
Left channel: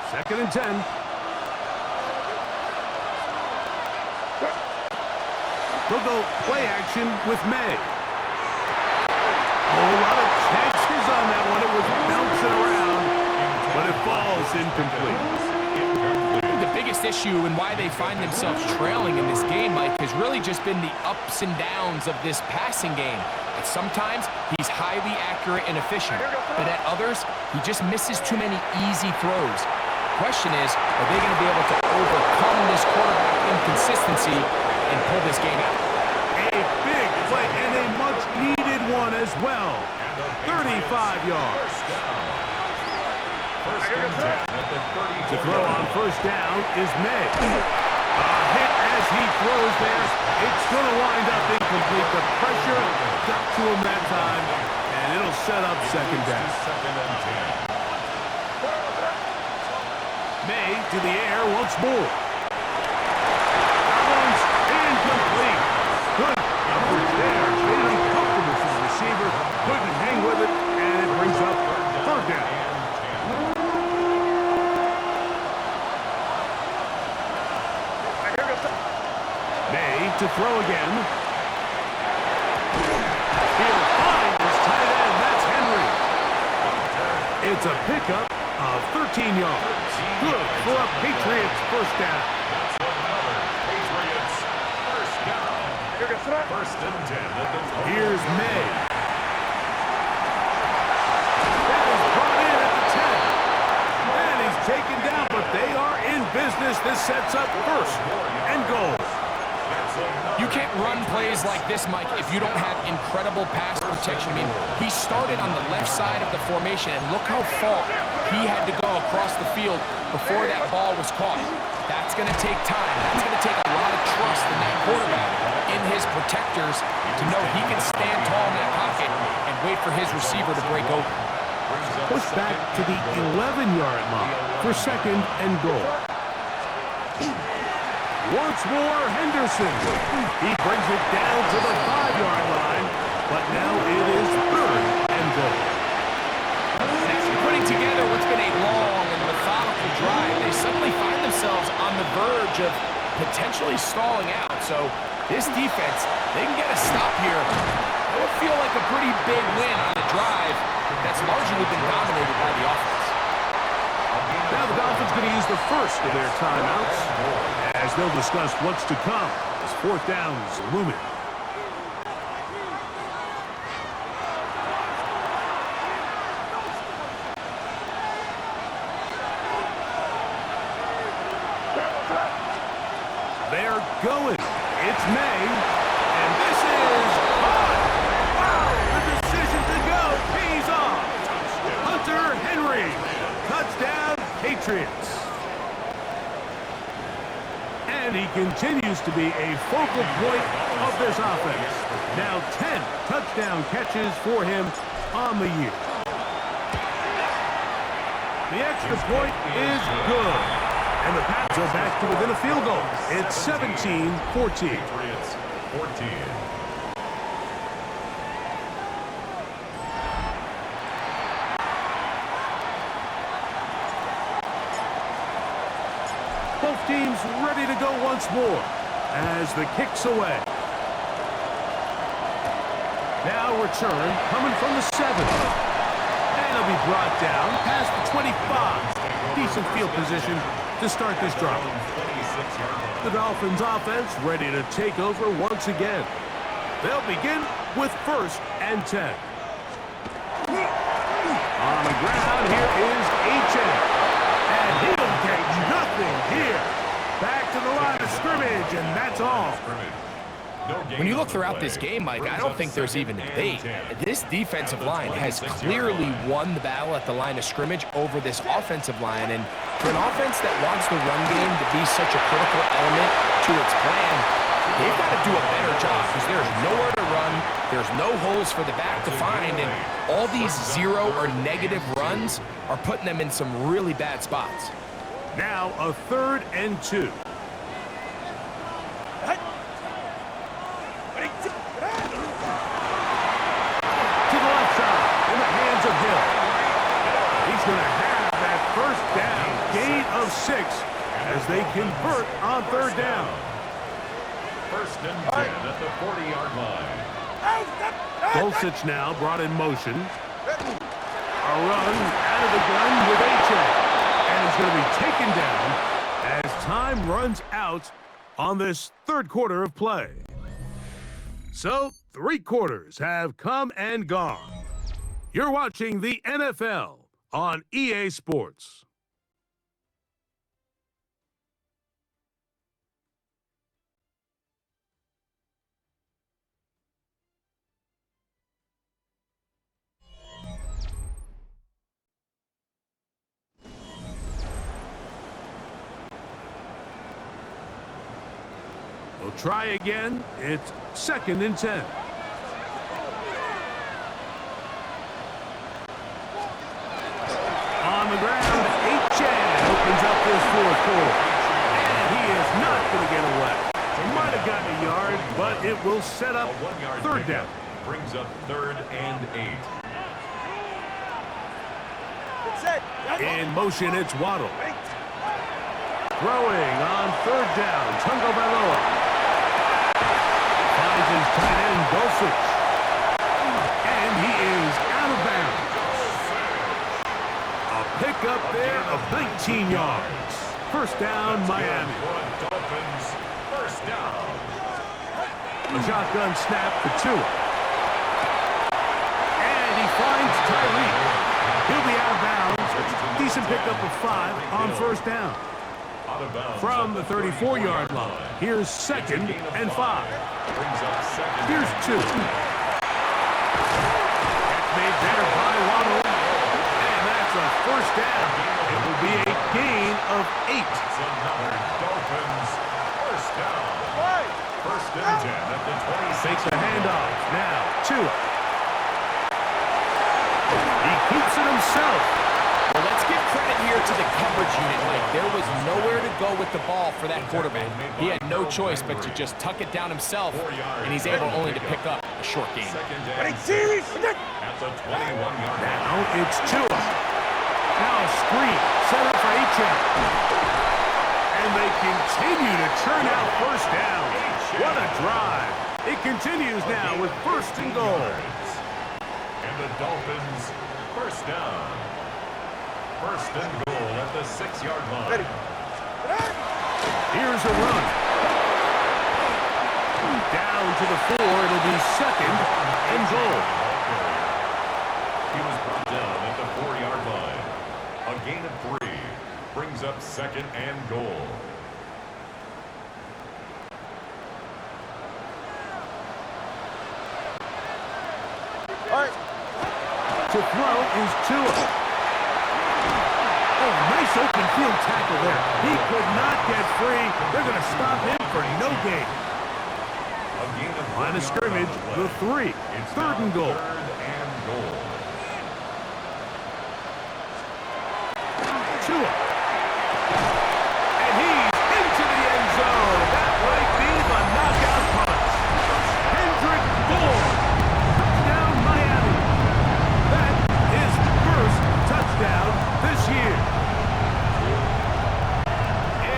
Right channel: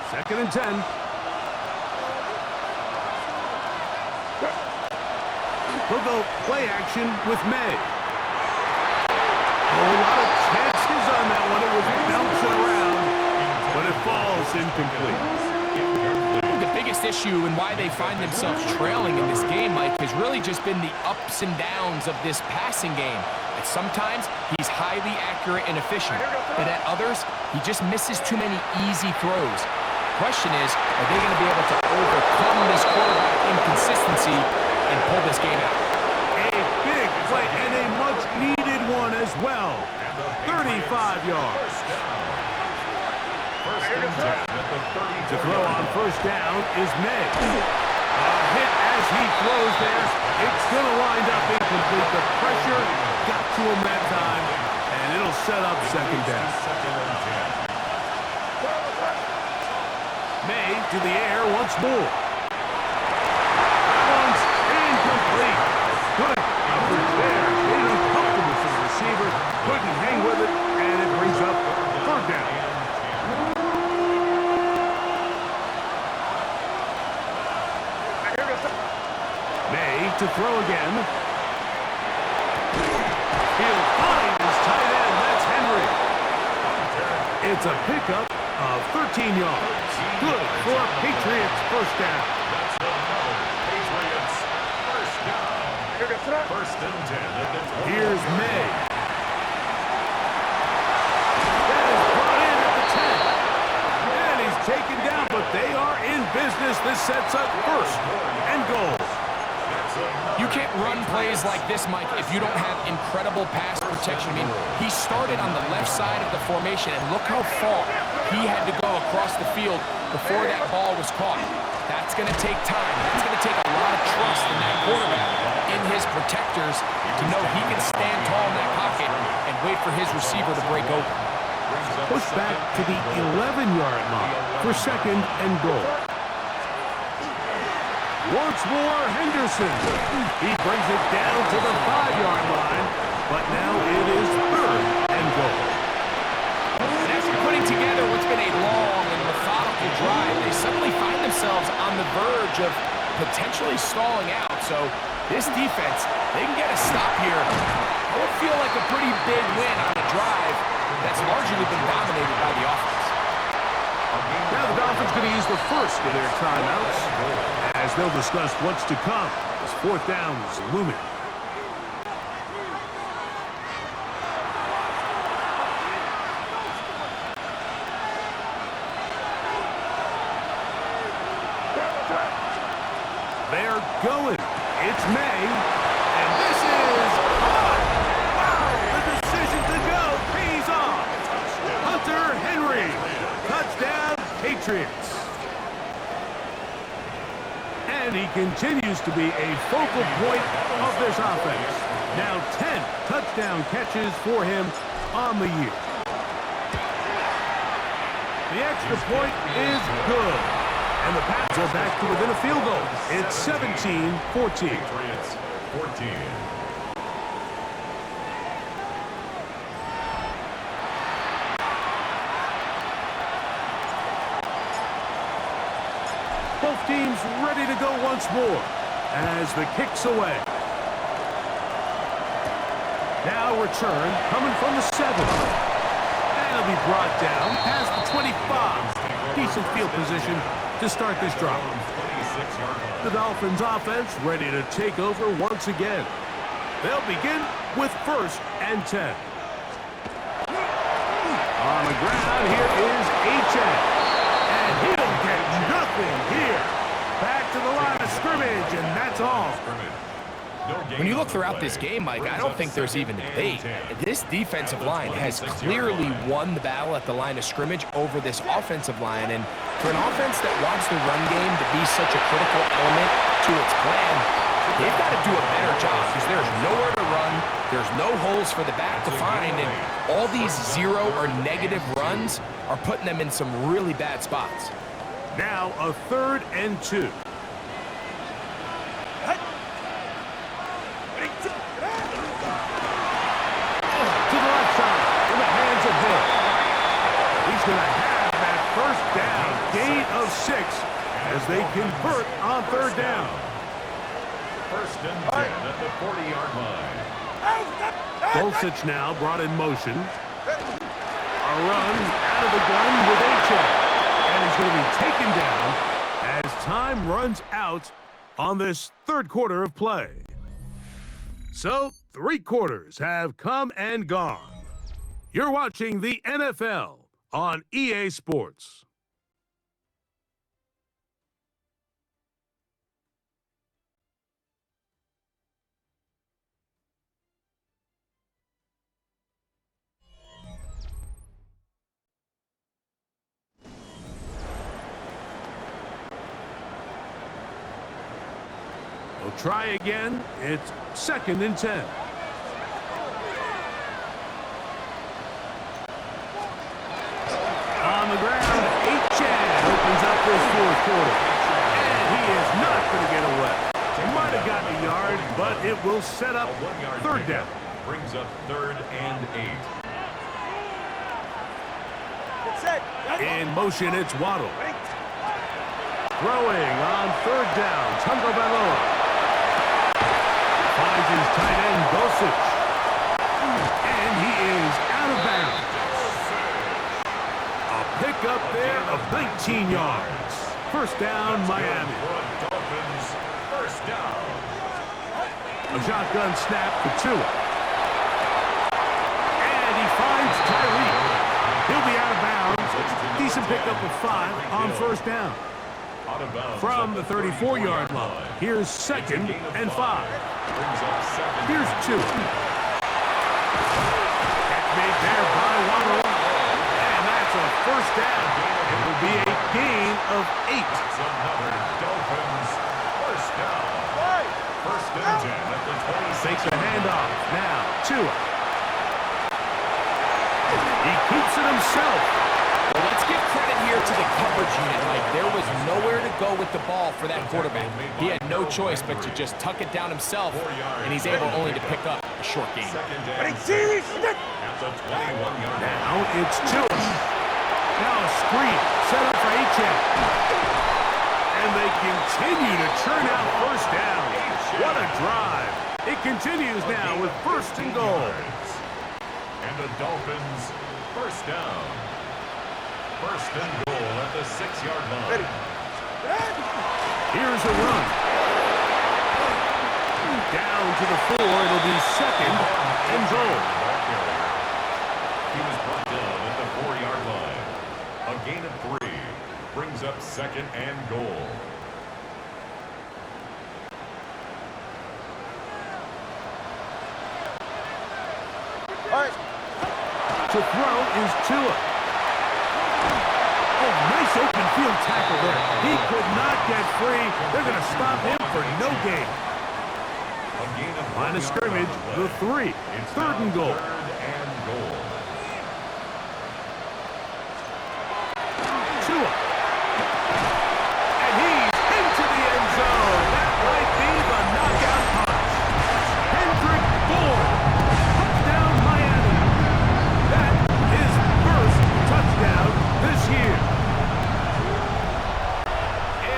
Second and 10. They'll go play action with May. A lot of chances on that one. It was bouncing around, but it falls incomplete. The biggest issue and why they find themselves trailing in this game, Mike, has really just been the ups and downs of this passing game. At sometimes, he's highly accurate and efficient, but at others, he just misses too many easy throws. Question is, are they going to be able to overcome this quarterback inconsistency and pull this game out? A big play and a much-needed one as well. 35 yards. First and 10 at the 34. To throw on first down is May. A hit as he throws there. It's going to wind up incomplete. The pressure got to him that time, and it'll set up second down. Second and 10. May to the air once more. That one's incomplete. Good coverage there. Made it uncomfortable for the receiver. Couldn't hang with it, and it brings up third down. May to throw again. He'll find his tight end. That's Henry. It's a pickup of 13 yards. Good for a Patriots first down. That's another Patriots first down. First and 10 at the 20. Here's May. That is brought in at the 10. And he's taken down, but they are in business. This sets up first and goal. You can't run plays like this, Mike, if you don't have incredible pass protection. I mean, he started on the left side of the formation, and look how far he had to go across the field before that ball was caught. That's going to take time. That's going to take a lot of trust in that quarterback, in his protectors, to know he can stand tall in that pocket and wait for his receiver to break open. Push back to the 11-yard line for second and goal. Once more, Henderson. He brings it down to the 5-yard line, but now it is third and goal. And after putting together what's been a long and methodical drive, they suddenly find themselves on the verge of potentially stalling out. So this defense, they can get a stop here. That would feel like a pretty big win on a drive that's largely been dominated by the offense. Now the Dolphins going to use the first of their timeouts as they'll discuss what's to come as fourth down is looming. They're going. It's May, and this is on. Wow, the decision to go pays off. Hunter Henry, touchdown Patriots. And he continues to be a focal point of this offense. Now 10 touchdown catches for him on the year. The extra point is good. And the Pats are back to within a field goal. It's 17-14. Patriots 14. Both teams ready to go once more as the kick's away. Now return coming from the 7. And it'll be brought down past the 25. Decent field position to start this drive. The Dolphins offense ready to take over once again. They'll begin with first and 10. On the ground, here is HN. And he'll get nothing here. Back to the line of scrimmage, and that's all. When you look throughout this game, Mike, I don't think there's even debate. This defensive line has clearly won the battle at the line of scrimmage over this offensive line. And for an offense that wants the run game to be such a critical element to its plan, they've got to do a better job because there's nowhere to run. There's no holes for the back to find. And all these 0 or negative runs are putting them in some really bad spots. Now a 3rd and 2. To the left side, in the hands of Hill. He's going to have that first down, gain of 6, as they convert on 3rd down. 1st and 10 at the 40-yard line. Dulcich now brought in motion. A run out of the gun with A-check. And he's going to be taken down as time runs out on this 3rd quarter of play. So, 3 quarters have come and gone. You're watching the NFL on EA Sports. We'll try again. It's 2nd and 10. On the ground, Chad opens up this 4th quarter. And he is not going to get away. Might have gotten a yard, but it will set up 3rd down. Brings up 3rd and 8. In motion, it's Waddle. Throwing on 3rd down, Tungo Bailoa. Finds his tight end, Dulcich. And he is out of bounds. A pickup there of 19 yards. 1st down, Miami. Dolphins, 1st down. A shotgun snap for Tua. And he finds Tyreek. He'll be out of bounds. Decent pickup of 5 on 1st down. From the 34-yard line, here's 2nd and 5. Here's 2. Catch made there by Waddle. And that's a 1st down. It will be a gain of 8. That's another Dolphins 1st down. 1st and 10 at the 26. Takes the handoff. Now, Tua. He keeps it himself. Well, let's give credit here to the coverage unit, Mike. There was nowhere to go with the ball for that quarterback. He had no choice but to just tuck it down himself, and he's able only to pick up a short gain. At the 21-yard line. Now it's Tua. Now a screen set up for A-check. And they continue to churn out 1st down. What a drive. It continues now with 1st and goal. And the Dolphins 1st down. 1st and goal at the 6-yard line. Here's a run. Down to the 4. It'll be 2nd and goal. He was brought down at the 4-yard line. A gain of 3 brings up 2nd and goal. To throw is Tua. Oh, nice open field tackle there. He could not get free. They're going to stop him for no gain. Line of scrimmage, the 3. It's 3rd and goal. 3rd and goal. Tua. And he's into the end zone. That might be the knockout punch. Kendrick Bourne. Touchdown, Miami. That is first touchdown this year.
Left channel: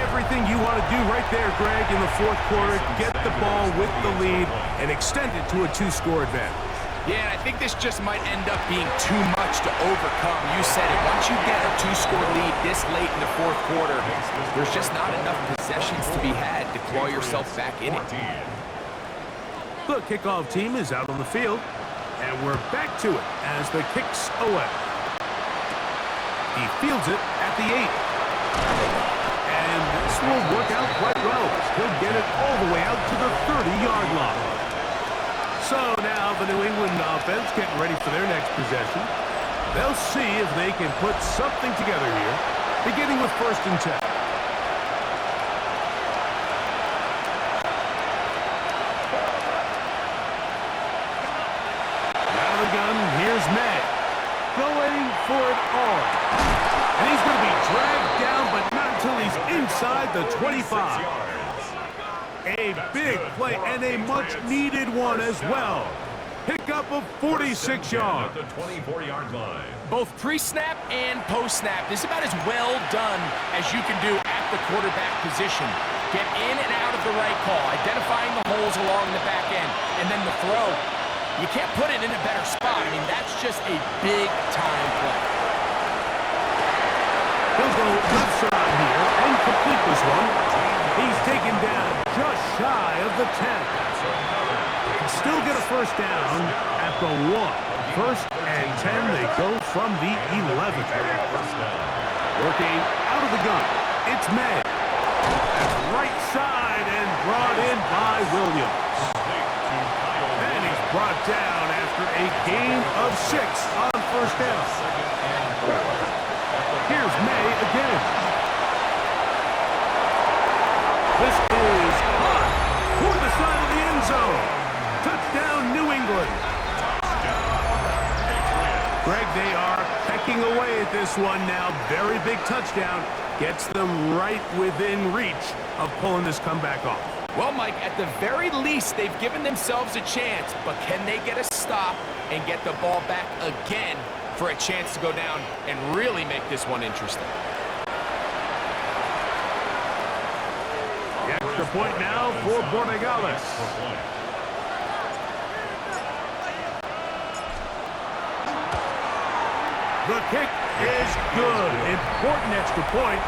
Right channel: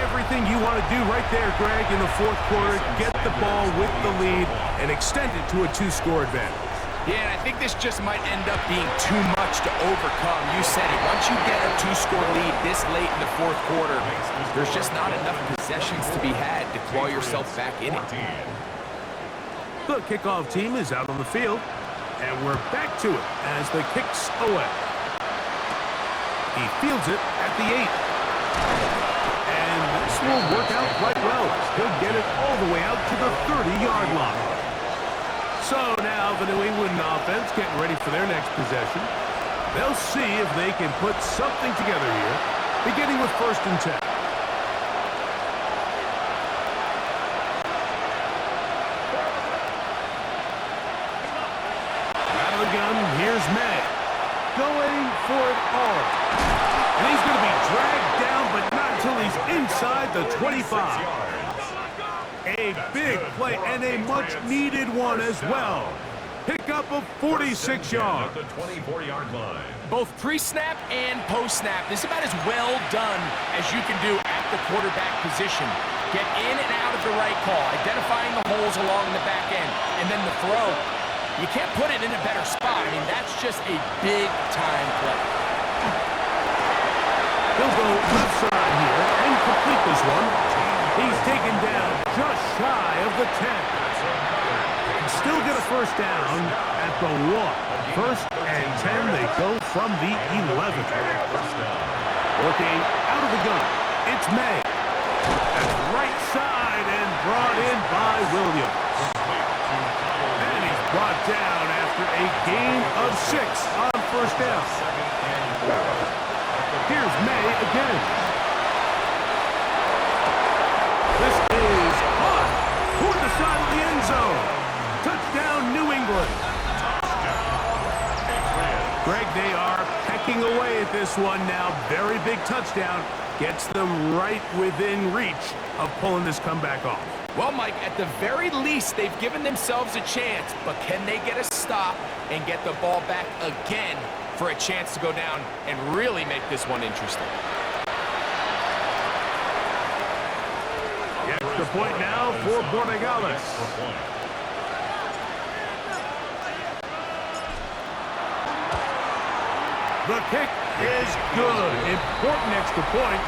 Everything you want to do right there, Greg, in the 4th quarter, get the ball with the lead and extend it to a 2-score advantage. Yeah, and I think this just might end up being too much to overcome. You said it. Once you get a 2-score lead this late in the 4th quarter, there's just not enough possessions to be had to claw yourself back in it. The kickoff team is out on the field, and we're back to it as the kick's away. He fields it at the 8. And this will work out quite well. He'll get it all the way out to the 30-yard line. So now the New England offense getting ready for their next possession. They'll see if they can put something together here, beginning with 1st and 10. Out of the gun, here's May. Going for it all. And he's going to be dragged down, but not until he's inside the 25. A big play and a much-needed one as well. Pickup of 46 yards. At the 24-yard line. Both pre-snap and post-snap, this is about as well done as you can do at the quarterback position. Get in and out of the right call, identifying the holes along the back end, and then the throw. You can't put it in a better spot. I mean, that's just a big-time play. He'll go left side here and complete this one. He's taken down just shy of the 10. Can still get a 1st down at the 1. 1st and 10, they go from the 11. Working out of the gun, it's May. That's right side and brought in by Williams. And he's brought down after a gain of 6 on 1st down. Here's May again. This is hot toward the side of the end zone. Touchdown, New England. Greg, they are pecking away at this one now. Very big touchdown. Gets them right within reach of pulling this comeback off. Well, Mike, at the very least, they've given themselves a chance, but can they get a stop and get the ball back again for a chance to go down and really make this one interesting? The extra point now for Borregales. The kick is good. Important extra point.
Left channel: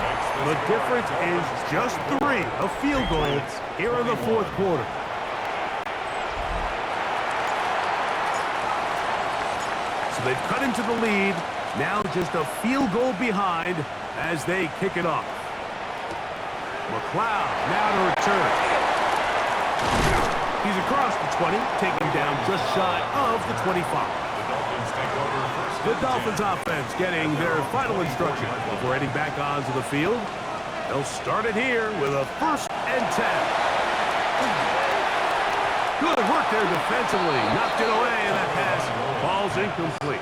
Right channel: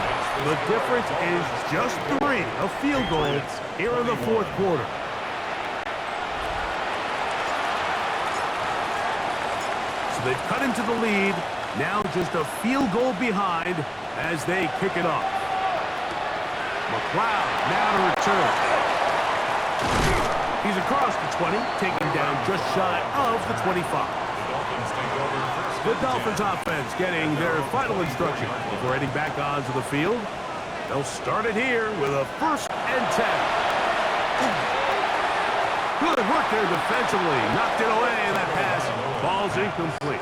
The difference is just 3. A field goal here in the 4th quarter. So they've cut into the lead. Now just a field goal behind as they kick it off. McLeod now to return. He's across the 20, taking down just shy of the 25. The Dolphins offense getting their final instruction before heading back onto the field. They'll start it here with a 1st and 10. Good work there defensively. Knocked it away, and that pass falls incomplete.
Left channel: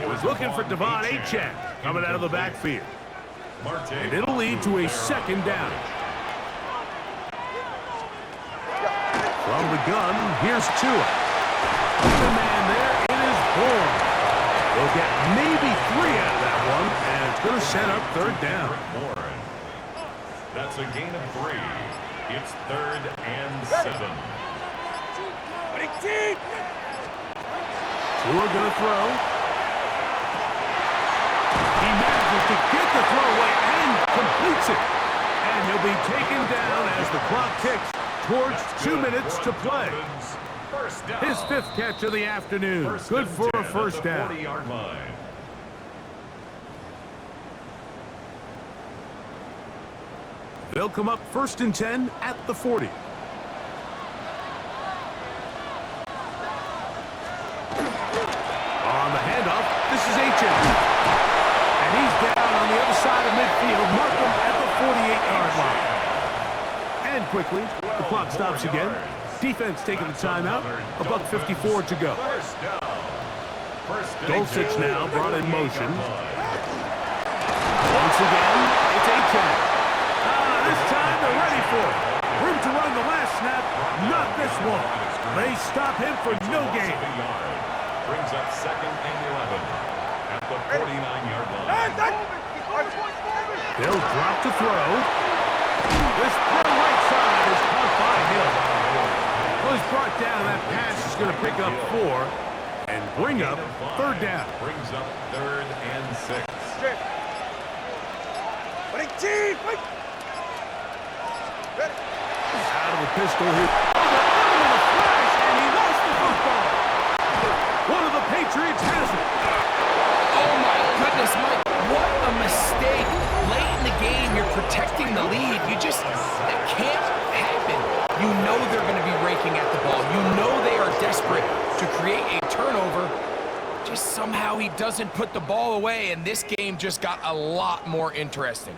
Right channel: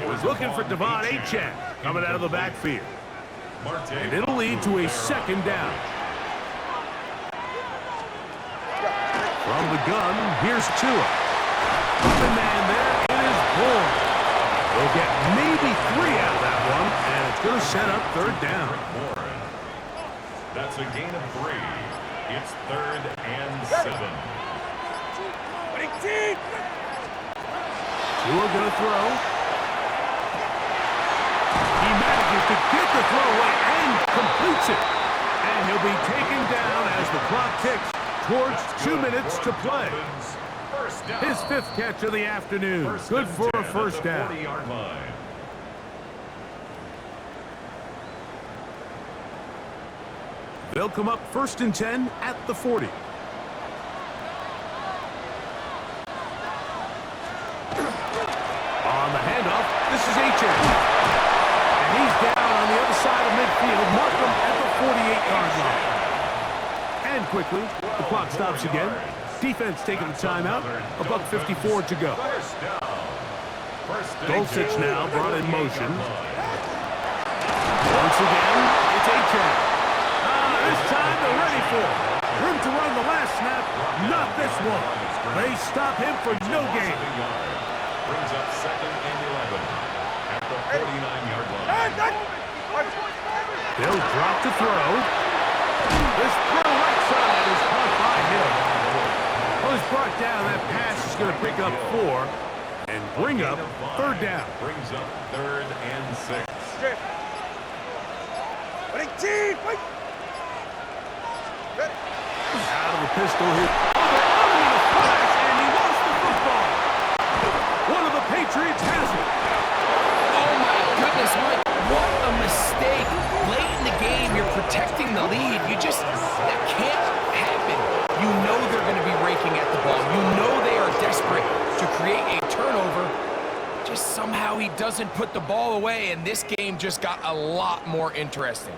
He was looking for Devon Achane coming out of the backfield. And it'll lead to a 2nd down. From the gun, here's Tua. Open man there, it is Bourne. They'll get maybe 3 out of that one, and it's going to set up 3rd down. That's a gain of 3. It's 3rd and 7. Tua going to throw. He manages to get the throw away and completes it. And he'll be taken down as the clock ticks towards 2 minutes to play. His 5th catch of the afternoon. Good for a 1st down. 40-yard line. They'll come up 1st and 10 at the 40. On the handoff, this is Achane. And he's down on the other side of midfield. Mark him at the 48-yard line. And quickly, the clock stops again. Defense taking the timeout. $1:54 to go. Dulcich now brought in motion. Once again, it's Achane. This time they're ready for it. Room to run the last snap, not this one. They stop him for no gain. Brings up 2nd and 11 at the 49-yard line. They'll drop to throw. This throw right side is caught by him. Well, he's brought down. That pass is going to pick up 4 and bring up 3rd down. Brings up 3rd and 6. Out of the pistol here. Oh, they're on him in a flash, and he lost the football. One of the Patriots has it. Oh, my goodness, Mike. What a a mistake late in the game. You're protecting the lead. That can't happen. You know they're going to be raking at the ball. You know they are desperate to create a turnover. Just somehow he doesn't put the ball away, and this game just got a lot more interesting.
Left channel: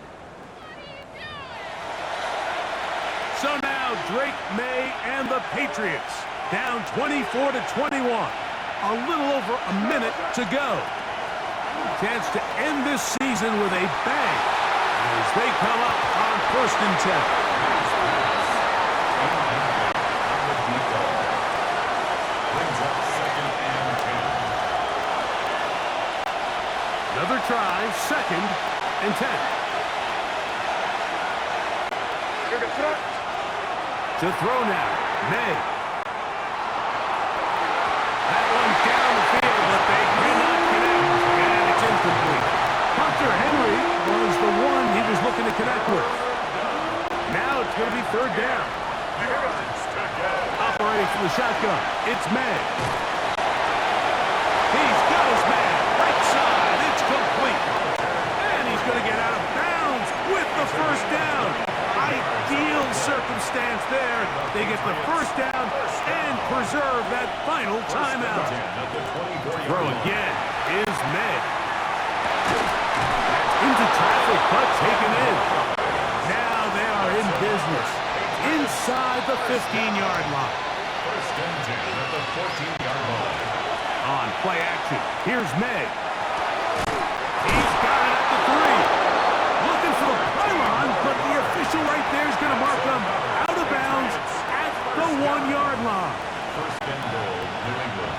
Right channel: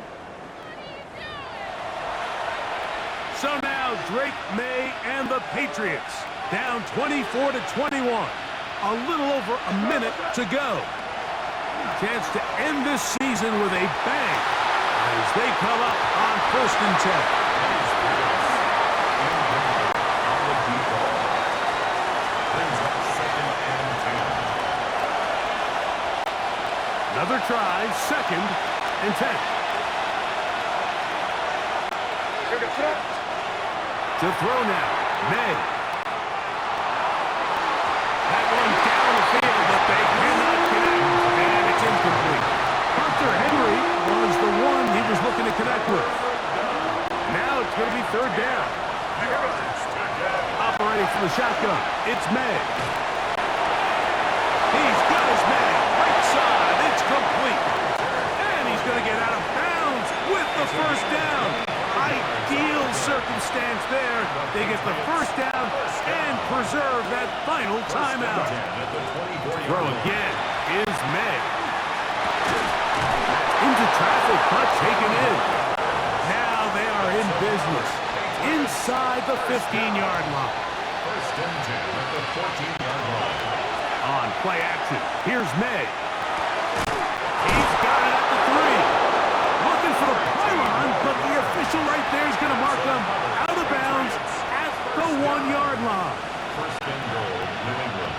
So now Drake May and the Patriots down 24-21. A little over a minute to go. Chance to end this season with a bang as they come up on 1st and 10. On the deep ball. Brings up 2nd and 10. Another try, 2nd and 10. To throw now, May. That one down the field, but they cannot connect, and it's incomplete. Hunter Henry was the one he was looking to connect with. Now it's going to be 3rd down. Operating from the shotgun, it's May. He's got his man, right side, it's complete. And he's going to get out of bounds with the 1st down. Ideal circumstance there. They get the 1st down and preserve that final timeout. Throw again is May. Into traffic, but taken in. Now they are in business inside the 15-yard line. 1st and 10 at the 14-yard line. On play action, here's May. He's got it at the 3. Looking for the pylon, but the official right there is going to mark them out of bounds at the 1-yard line. 1st and goal, New England.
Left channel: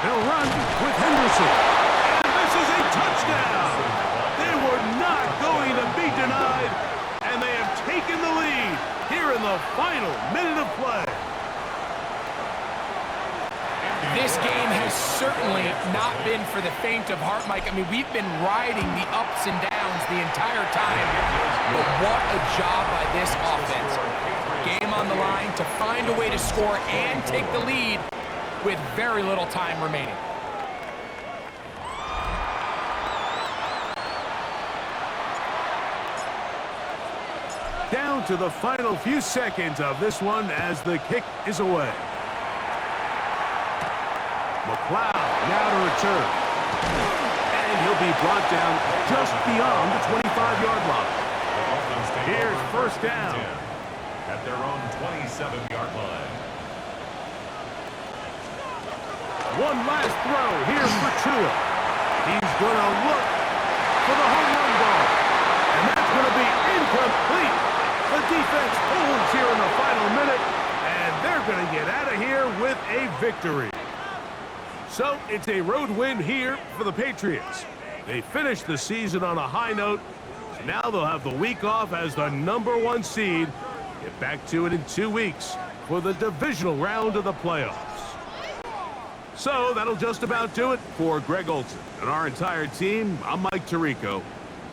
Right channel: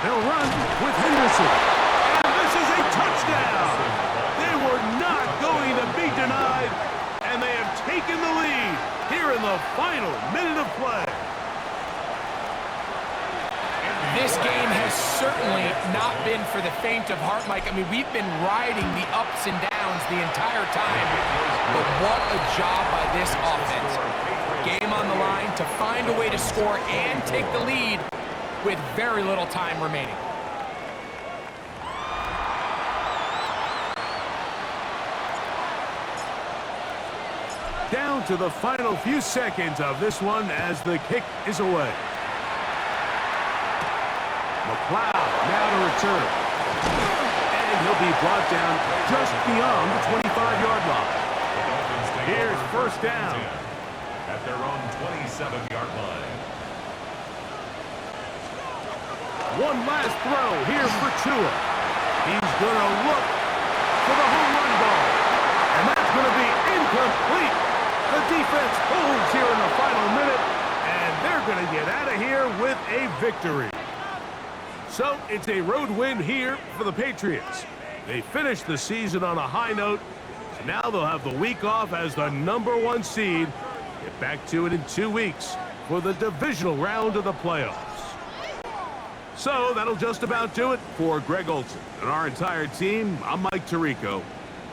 They'll run with Henderson. And this is a touchdown. They were not going to be denied, and they have taken the lead here in the final minute of play. This game has certainly not been for the faint of heart, Mike. I mean, we've been riding the ups and downs the entire time, but what a job by this offense. Game on the line to find a way to score and take the lead with very little time remaining. Down to the final few seconds of this one as the kick is away. McLeod now to return. And he'll be brought down just beyond the 25-yard line. The Dolphins take Here's over 1st down. at their own 27-yard line. One last throw here for Tua. He's going to look for the home run ball. And that's going to be incomplete. The defense holds here in the final minute, and they're going to get out of here with a victory. So it's a road win here for the Patriots. They finished the season on a high note. So now they'll have the week off as the #1 seed. Get back to it in 2 weeks for the divisional round of the playoffs. So that'll just about do it for Greg Olson and our entire team. I'm Mike Tirico.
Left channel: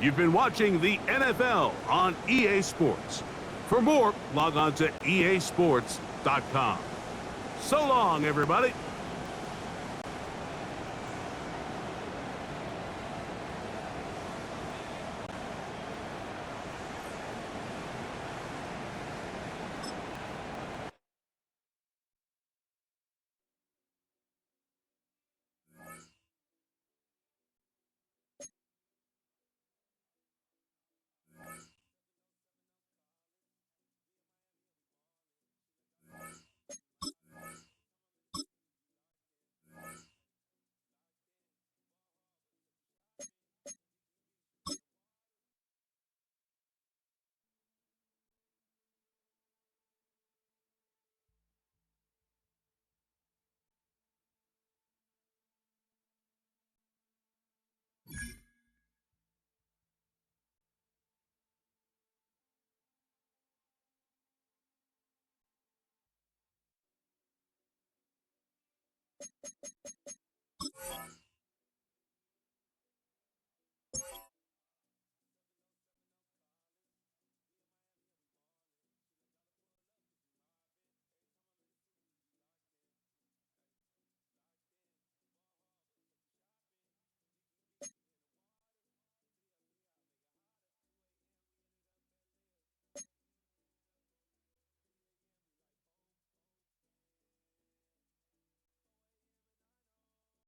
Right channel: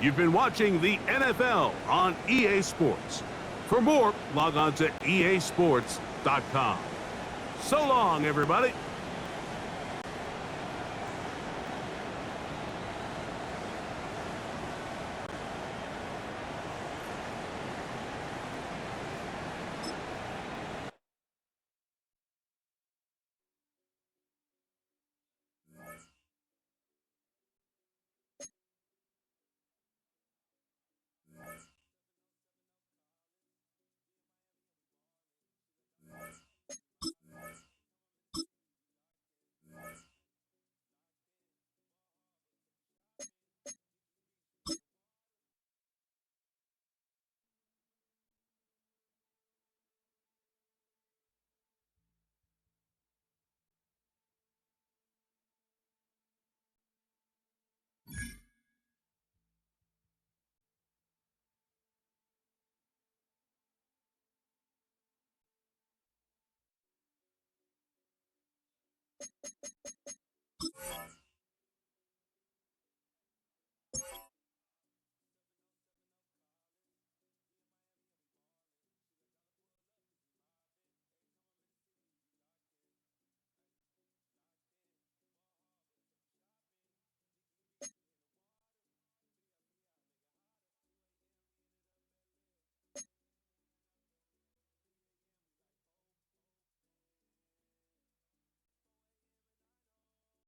You've been watching the NFL on EA Sports. For more, log on to easports.com. So long, everybody.